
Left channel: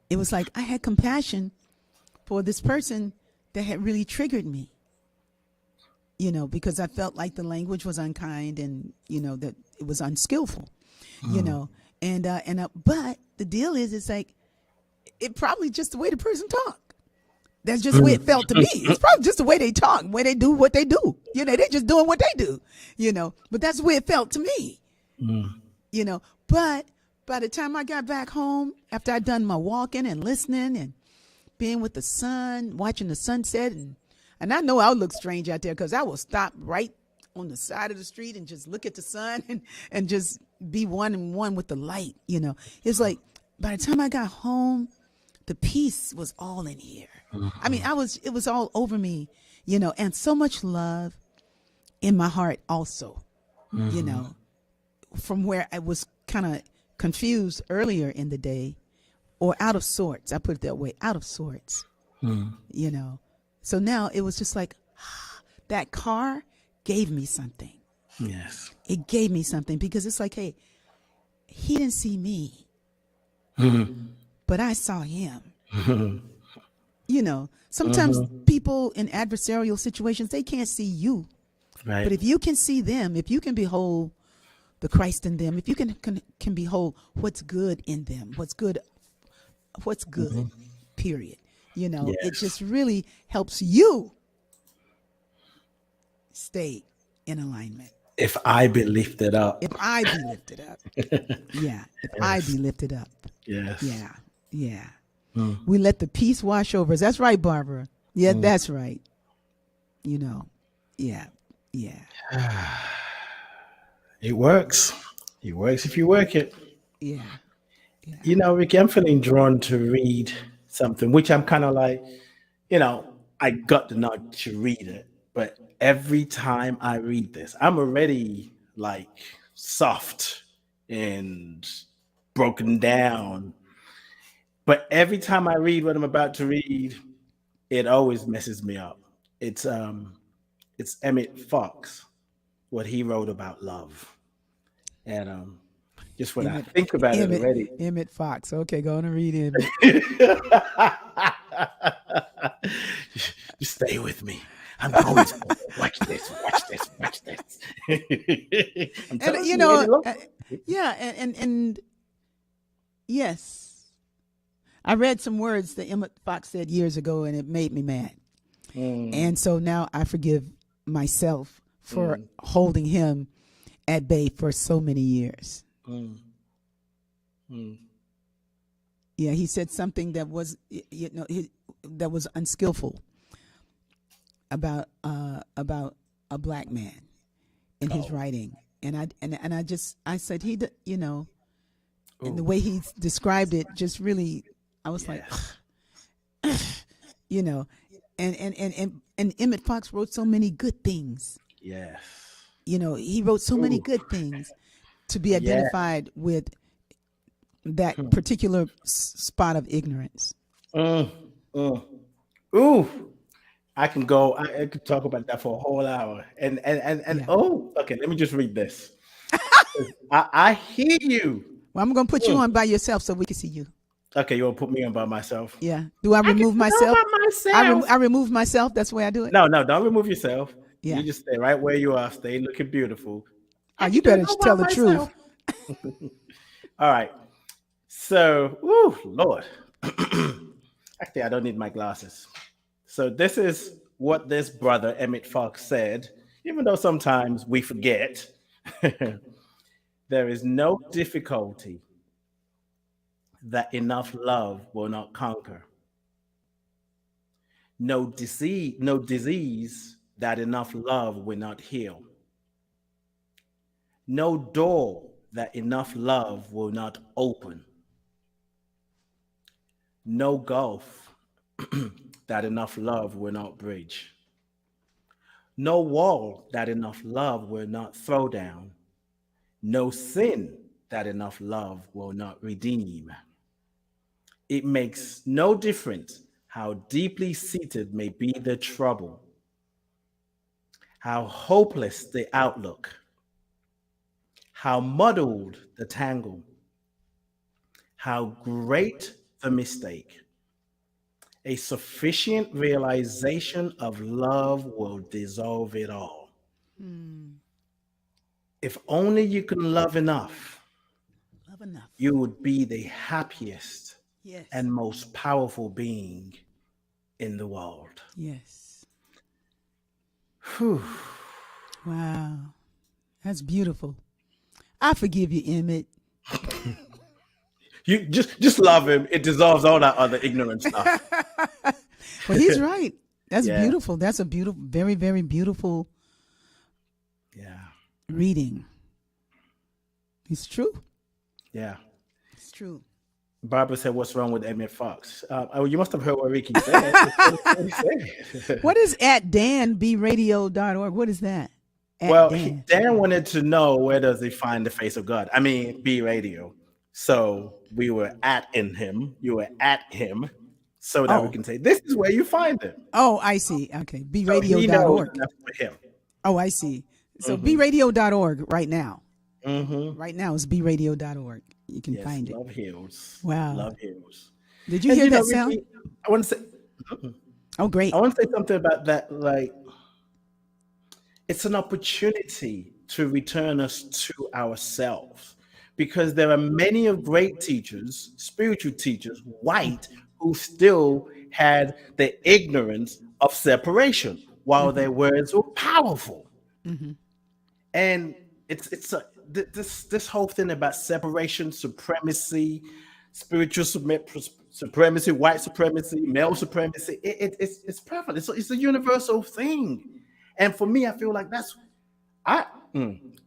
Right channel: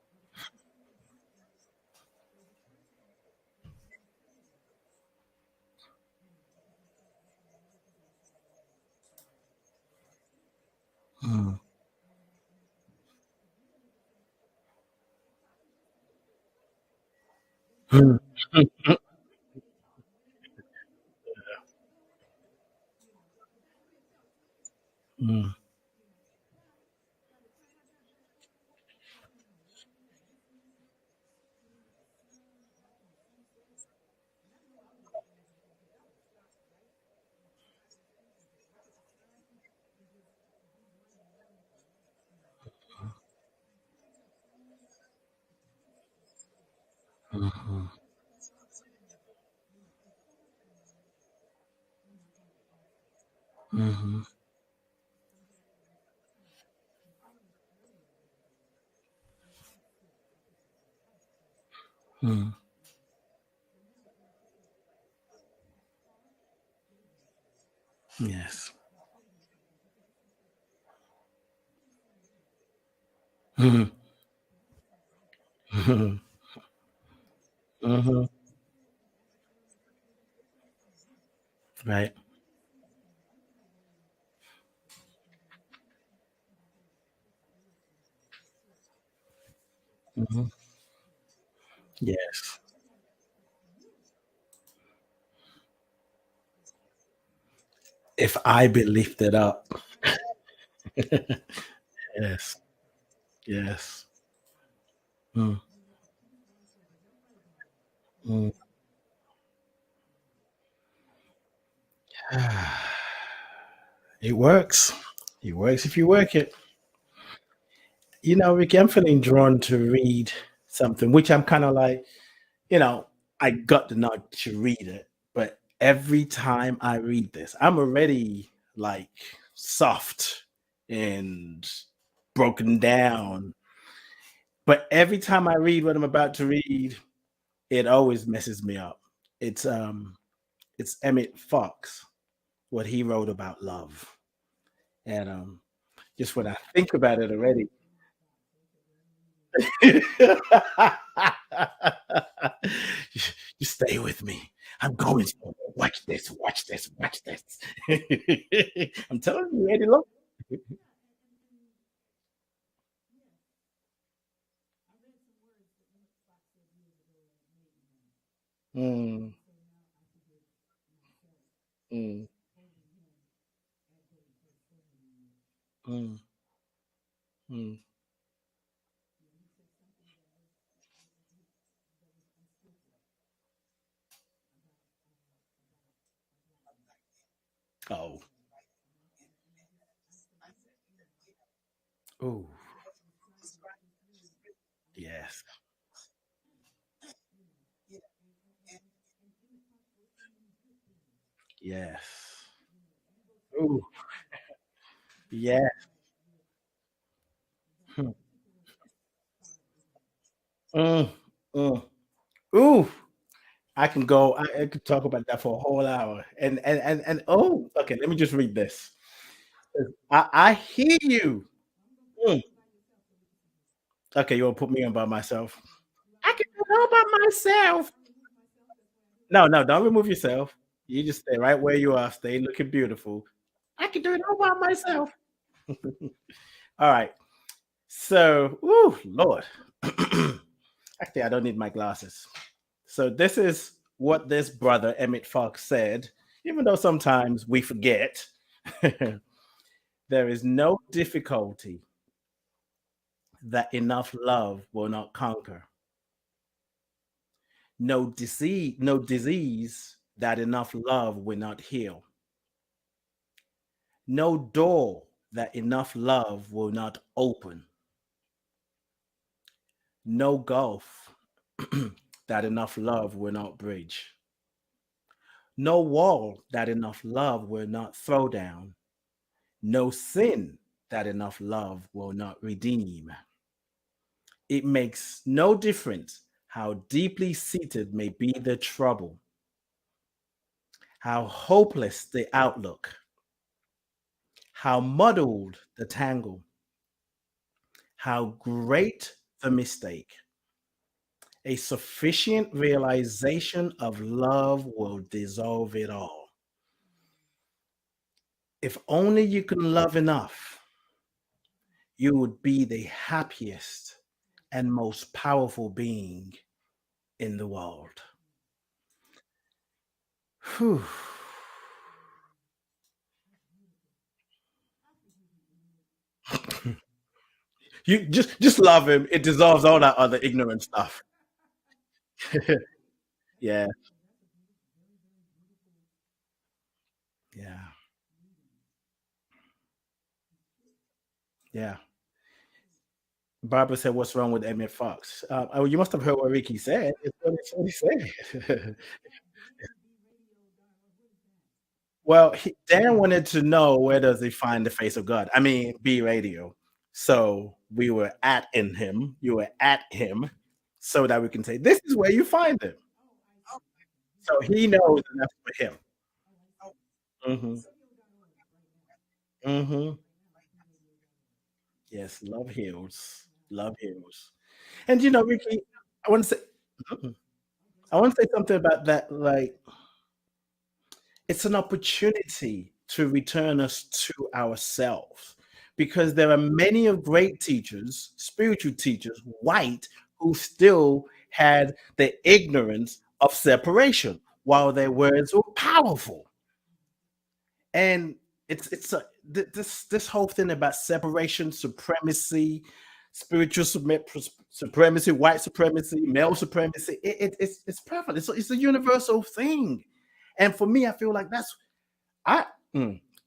It was like I had compassion for this person that had really triggered me, you know, because I felt like the language was unkind and, you know, that it was unskillful, you know, but the deal is, it's like, it probably just the way the person talked. That's just the way it felt to me. It's probably just the way they talk, the way they do what they do. You know, they're just doing what they do, you know, but that's the way it felt to me, you know. But by the time I got back home, after I'd done my walking and listening and being with the sun, watching the sunset, and I know I would look strange out there because I will stop right on the side of the street and just look at the sun and just be one and one with the light, you know. It's like by the time I got home, the peace was all in here. I mean, it was all over me, you know, and so much love in my heart also, you know, from where I was kind of confused earlier in the day or out of sorts. I put it that way, out of sorts, you know. So now it was just like that car gave me something. Yes. It gave me something because it's like, hey, he didn't see me, but I saw him. You know, sometimes people in adversarial situations, they can't see you. Right. But if you can see them, if you can behold the Christ in them, if you can behold what's good in them, what's good, period. You know, it just really helps you stay in alignment. If I be lifted up. If I be lifted up. Yeah. If I be lifted up. Yes. Yeah. Yeah. We let the peace wash over us. That's right, Barbara. Yeah, that's right. You know. Yeah. Yeah. It works. It works if you work it. Yeah. You know, Ricky, I'm feeling drawn to read something, which I'm kind of like, you know, I got the nod to read it, but every time I read this, I'm already like soft and broken down. But every time I read what I'm about to read, it always messes me up. It's Emmett Fox, what he wrote about love. And just when I think about it already. Emmett Fox. Okay, go on and read Emmett. Just stay with me. I'm going to watch this. I'm telling you know, yeah, and yes, I read some words that Emmett Fox said years ago, and it made me mad. And so now I forgive myself for holding him at bay for so many years. Yeah, he said something that was, you know, that was unskillful about a black man in his writing, and I said you know, and the way he described it just really, I was like, you know, and Emmett Fox wrote so many good things. Yes. You know, he wrote so many good things to be identified with that particular spot of ignorance. Ooh, I could talk about that for a whole hour. And okay, let me just read this. I hear you. Well, I'm gonna put you on by yourself so we can see you. Okay, you want to put me on by myself? Yeah. Do I remove myself? I remove myself. That's the way I do it. No, don't remove yourself. Yeah. You just stay right where you are. Stay looking beautiful. You better tell the truth. All right. So, Lord. Actually, I don't need my glasses. So this is what this brother, Emmett Fox, said, even though sometimes we forget. There is no difficulty that enough love will not conquer. No disease that enough love will not heal. No door that enough love will not open. No gulf that enough love will not bridge. No wall that enough love will not throw down. No sin that enough love will not redeem. It makes no difference how deeply seated may be the trouble, how hopeless the outlook, how muddled the tangle, how great the mistake. A sufficient realization of love will dissolve it all. Mm, If only you can love enough, love enough. you would be the happiest Yes. and most powerful being in the world. Yes. Whew. Wow. That's beautiful. I forgive you, Emmett. You just love him. It dissolves all that other ignorant stuff. But he's right. That's Yeah. beautiful. That's a beautiful, very, very beautiful Yeah. reading. It's true. Yeah. It's true. Barbara said, "What's wrong with Emmett Fox?" Oh, you must have heard what Rickie said. What he said. What is at danbradio.org? What is that? At Well, Dan. Dan wanted to know where does he find the face of God. I mean, B Radio. So we were at in him. You were at him, so that we Oh. can say this is where you find him. Oh, I see. Okay. So he knows bradio.org. enough for him. Oh, I see. So Mhm. bradio.org right now. Mm-hmm. Right now is bradio.org. You can Yes, find it. love heals. Wow. Love heals. Did you And hear you know, that sound? Rickie, I want to say, Oh, great. I want to say something about that. Like, it's an opportunity to return us to ourselves, because there are many of great teachers, spiritual teachers, white, who still had the ignorance of separation, while their words were powerful. Mm-hmm. And this whole thing about separation, supremacy, spiritual supremacy, white supremacy, male supremacy. It's perfect. It's a universal thing. And for me, I feel like I'm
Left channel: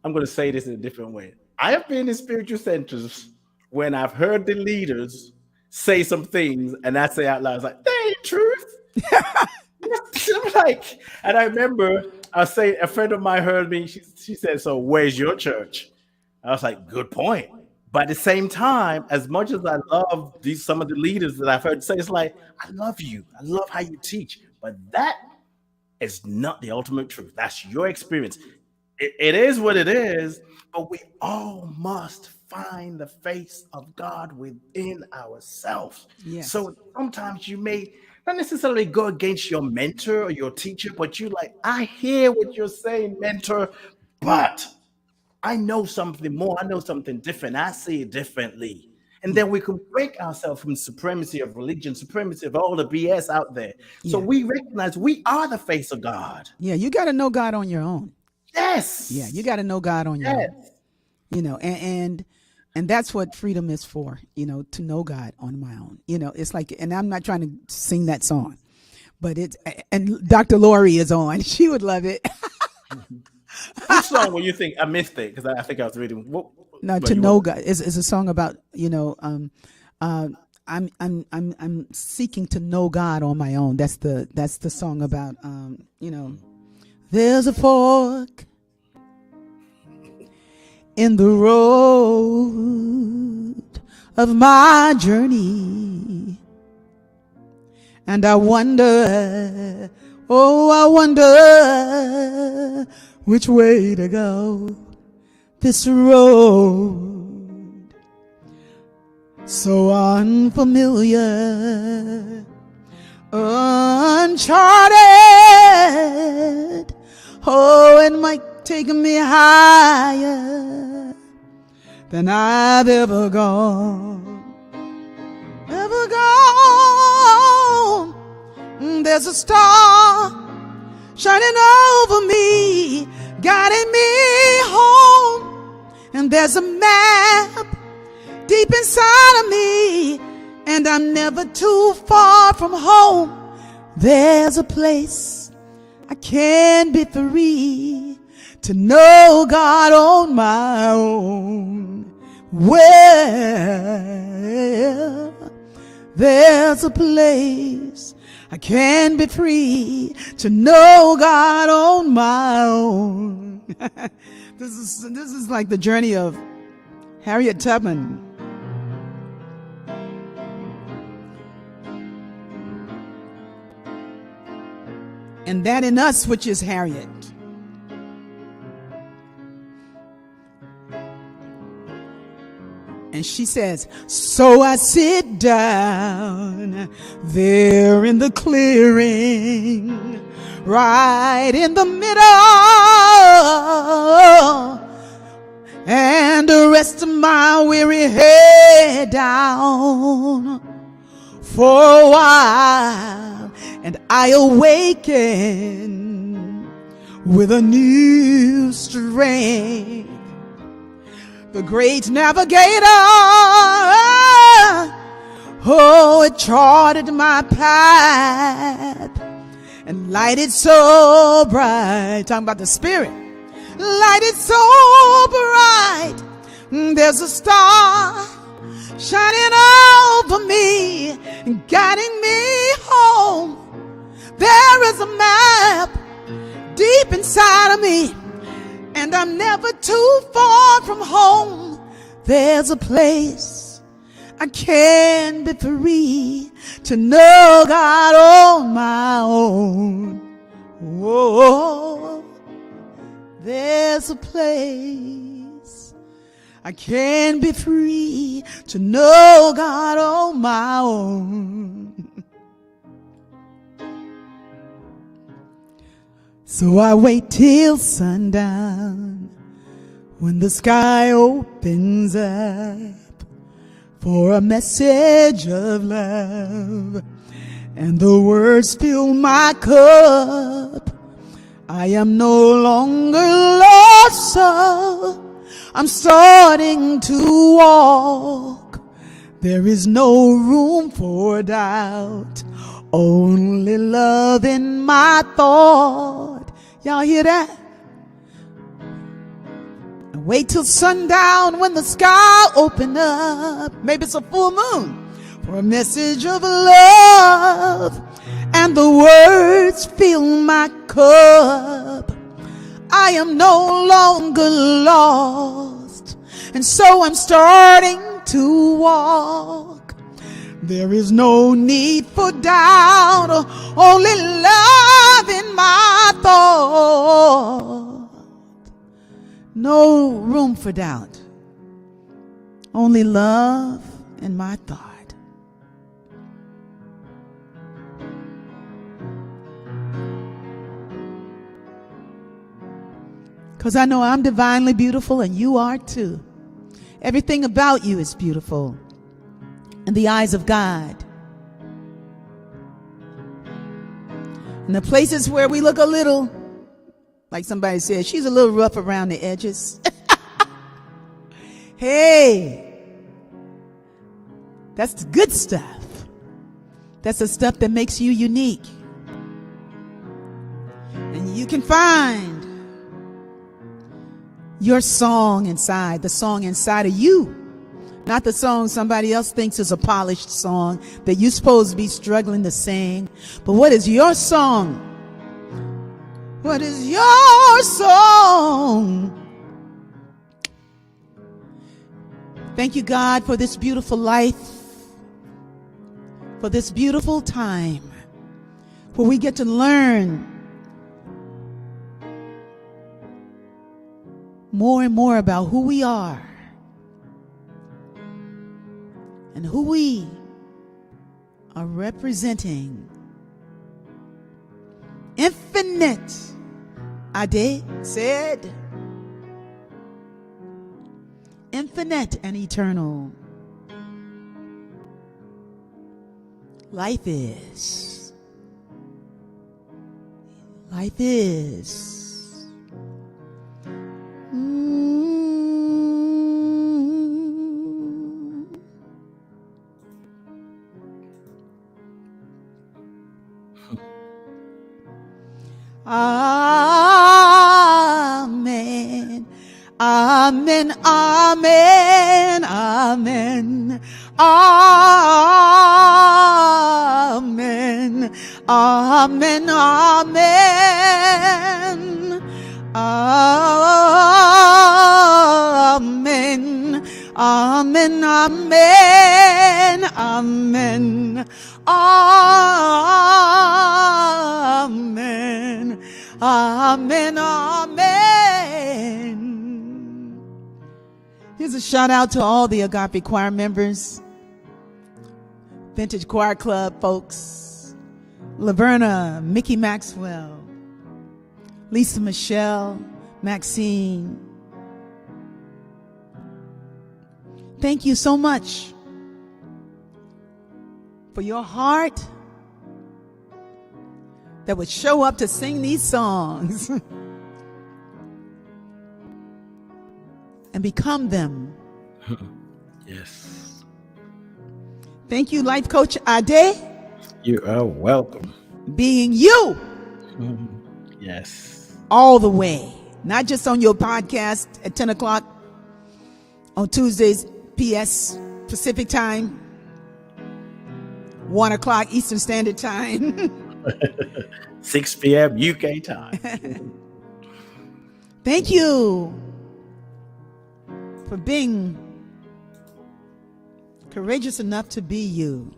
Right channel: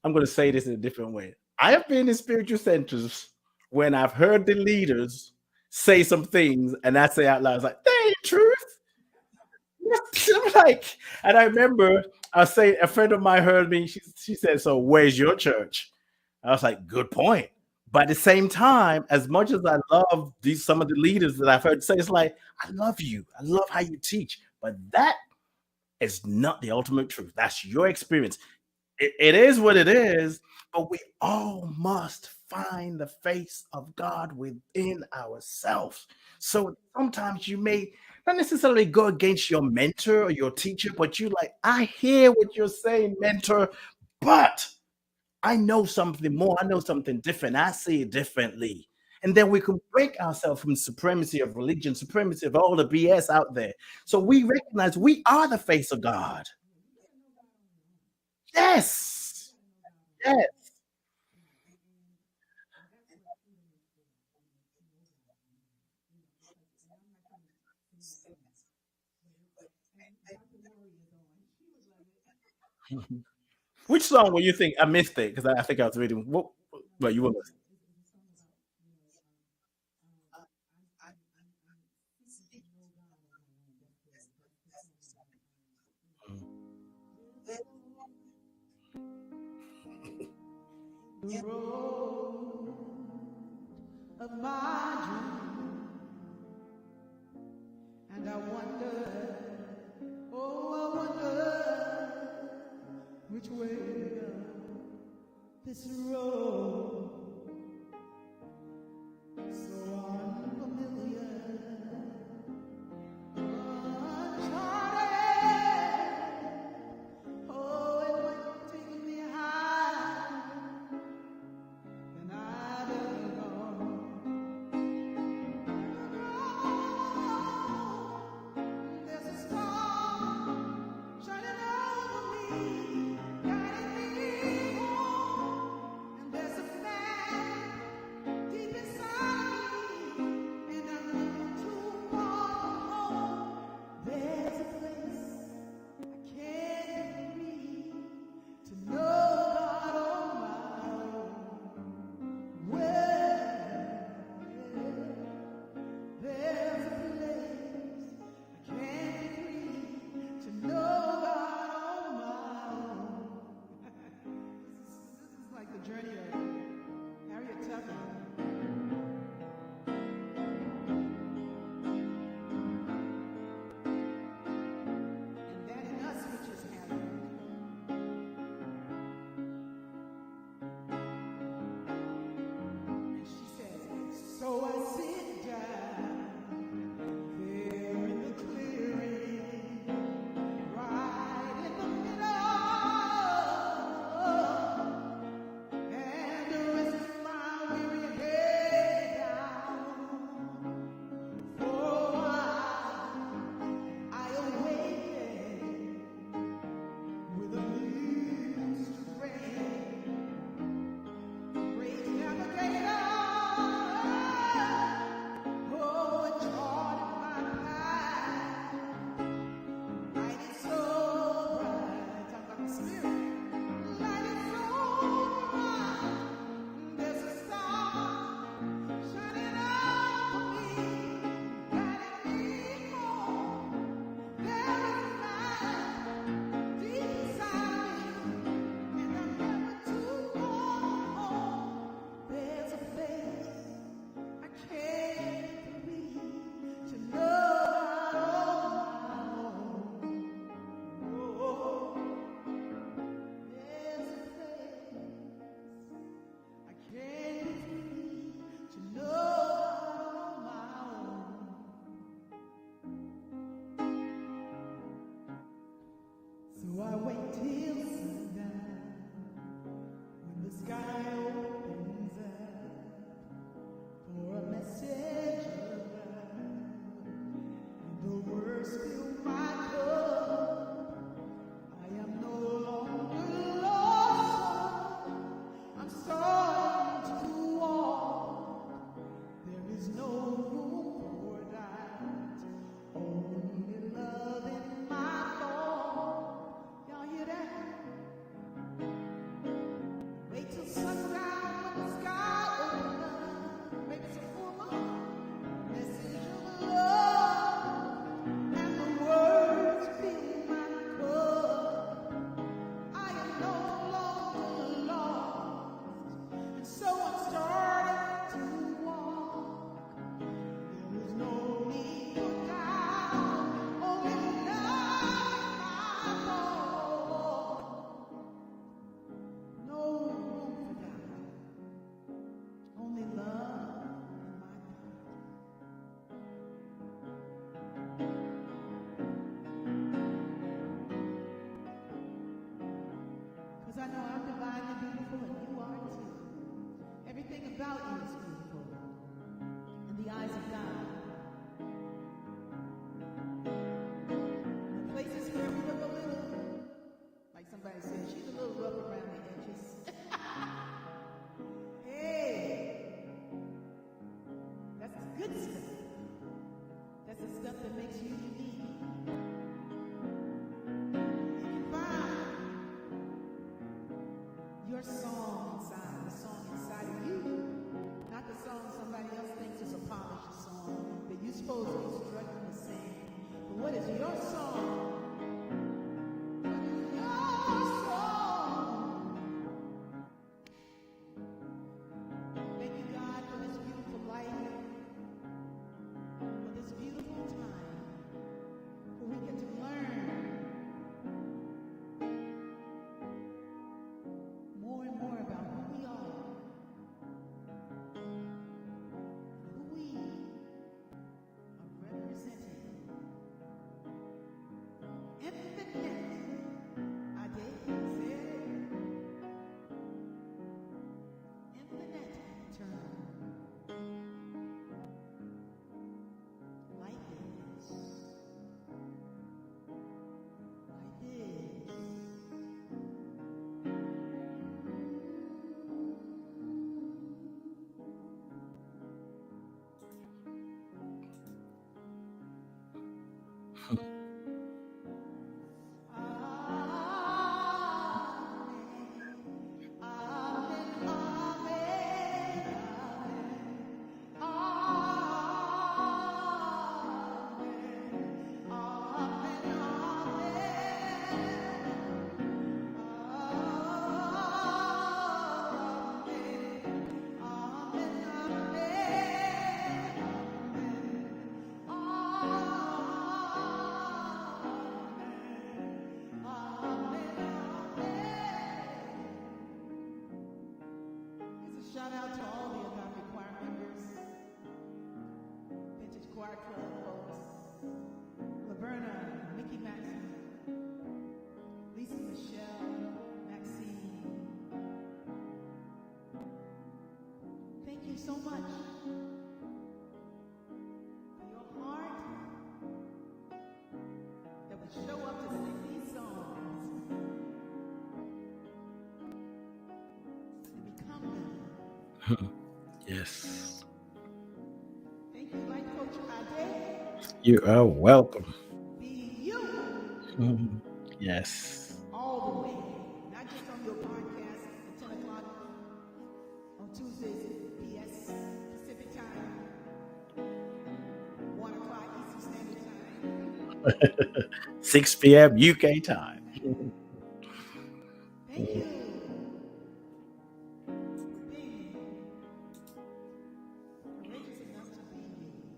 going to say this in a different way. I have been in spiritual centers when I've heard the leaders say some things, and I say out loud, it's like, that ain't truth. I'm like, and I remember I say a friend of mine heard me. She said, "So where's your church?" I was like, "Good point." But at the same time, as much as I love some of the leaders that I've heard say, it's like, I love you. I love how you teach, but that is not the ultimate truth. That's your experience. It is what it is, but we all must find the face of God within ourselves. Yes. So sometimes you may not necessarily go against your mentor or your teacher, but you like, I hear what you're saying, mentor, but I know something more. I know something different. I see it differently. And then we can break ourselves from supremacy of religion, supremacy of all the BS out there. So Yeah. we recognize we are the face of God. Yeah, you got to know God on your own. Yes. Yeah, you got to know God on your own. You know, and that's what freedom is for, you know, to know God on my own. You know, it's like, and I'm not trying to sing that song, but and Dr. Lori is on. She would love it. Which song will you think? I missed it because I think I was reading. No, to know God is a song about, you know, I'm seeking to know God on my own. That's the song about, you know, there's a fork in the road of my journey, and I wonder, which way to go. This road so unfamiliar, uncharted. Oh, it might take me higher than I've ever gone. Ever gone. There's a star shining over me, guiding me home. And there's a map deep inside of me, and I'm never too far from home. There's a place I can be free to know God on my own. Well, there's a place I can be free to know God on my own. This is like the journey of Harriet Tubman. And that in us, which is Harriet. And she says, so I sit down there in the clearing, right in the middle, and rest my weary head down for a while, and I awaken with a new strength. The great navigator, oh, it charted my path and lighted so bright. Talking about the Spirit. Lighted so bright. There's a star shining over me, guiding me home. There is a map deep inside of me, and I'm never too far from home. There's a place I can be free to know God on my own. Whoa, there's a place I can be free to know God on my own. So I wait till sundown when the sky opens up for a message of love, and the words fill my cup. I am no longer lost, so I'm starting to walk. There is no room for doubt, only love in my thought. Y'all hear that? Wait till sundown when the sky open up. Maybe it's a full moon for a message of love, and the words fill my cup. I am no longer lost, and so I'm starting to walk. There is no need for doubt, only love in my thought. No room for doubt, only love in my thought. Because I know I'm divinely beautiful and you are too. Everything about you is beautiful in the eyes of God. And the places where we look a little, like somebody said, she's a little rough around the edges. Hey, that's the good stuff. That's the stuff that makes you unique. And you can find your song inside, the song inside of you. Not the song somebody else thinks is a polished song that you're supposed to be struggling to sing. But what is your song? What is your song? Thank you, God, for this beautiful life, for this beautiful time where we get to learn more and more about who we are and who we are representing. Infinite, Ade said, infinite and eternal. Life is. Life is. Amen. Amen. Amen. Amen. Amen. Amen. Amen. Amen. Amen. Amen. Amen. Amen. Amen. Amen. Here's a shout out to all the Agape Choir members, Vintage Choir Club folks, Laverna, Mickey Maxwell, Lisa Michelle, Maxine. Thank you so much for your heart that would show up to sing these songs and become them. Yes. Thank you, Life Coach Ade. You are welcome. Being you. Yes. All the way. Not just on your podcast at 10 o'clock on Tuesdays, PS Pacific time, 1 o'clock Eastern Standard Time. 6 p.m. UK time. Thank you for being courageous enough to be you.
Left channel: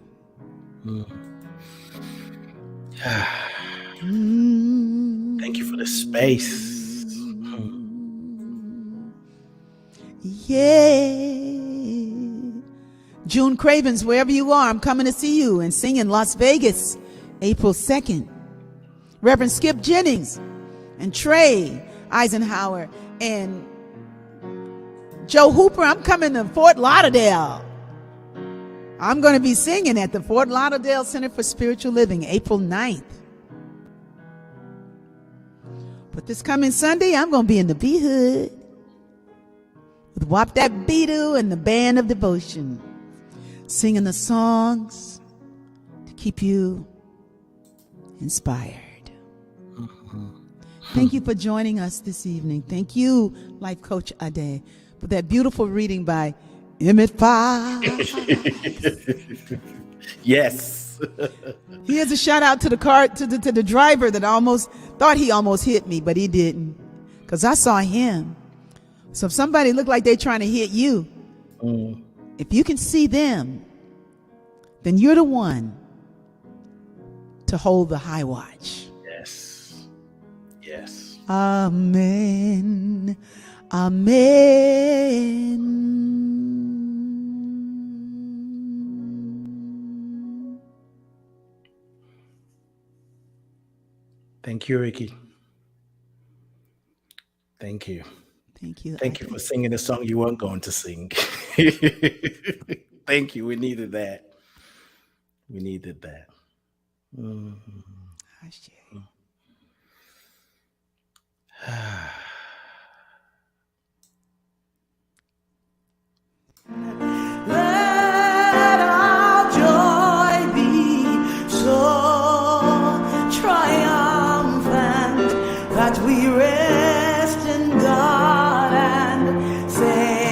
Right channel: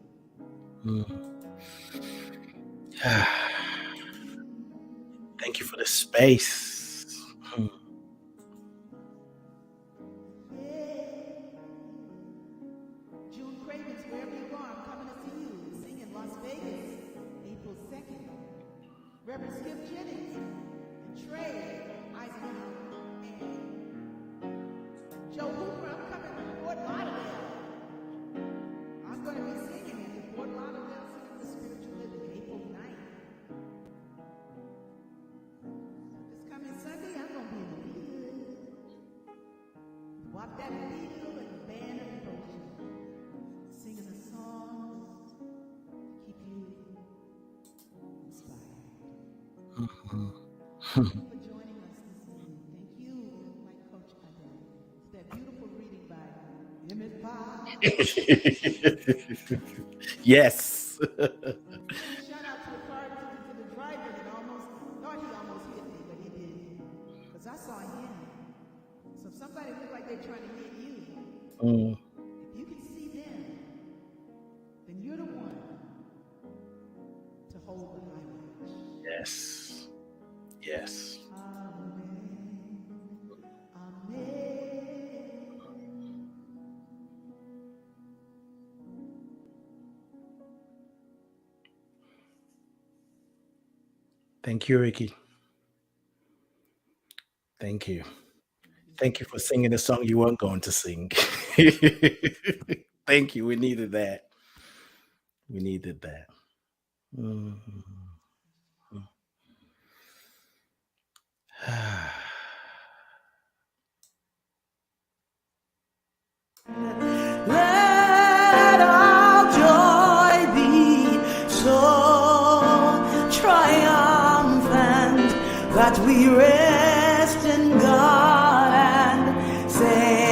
Thank you for the space. Yeah. June Cravens, wherever you are, I'm coming to see you and sing in Las Vegas, April 2nd. Reverend Skip Jennings and Trey Eisenhower and Joe Hooper, I'm coming to Fort Lauderdale. I'm going to be singing at the Fort Lauderdale Center for Spiritual Living, April 9th. But this coming Sunday, I'm going to be in the B-Hood with Wop That Beedoo and the Band of Devotion, singing the songs to keep you inspired. Thank you for joining us this evening. Thank you, Life Coach Ade, for that beautiful reading by Emmett Fox. Yes. Here's a shout out to the car, to the driver that thought he almost hit me, but he didn't, because I saw him. So if somebody looked like they're trying to hit you, if you can see them, then you're the one to hold the high watch. Yes. Yes. Amen. Amen. Thank you, Rickie. Thank you. Thank you. Thank you for singing the song you weren't going to sing. Thank you. We needed that. We needed that. Let our joy be so triumphant that we rest in God and say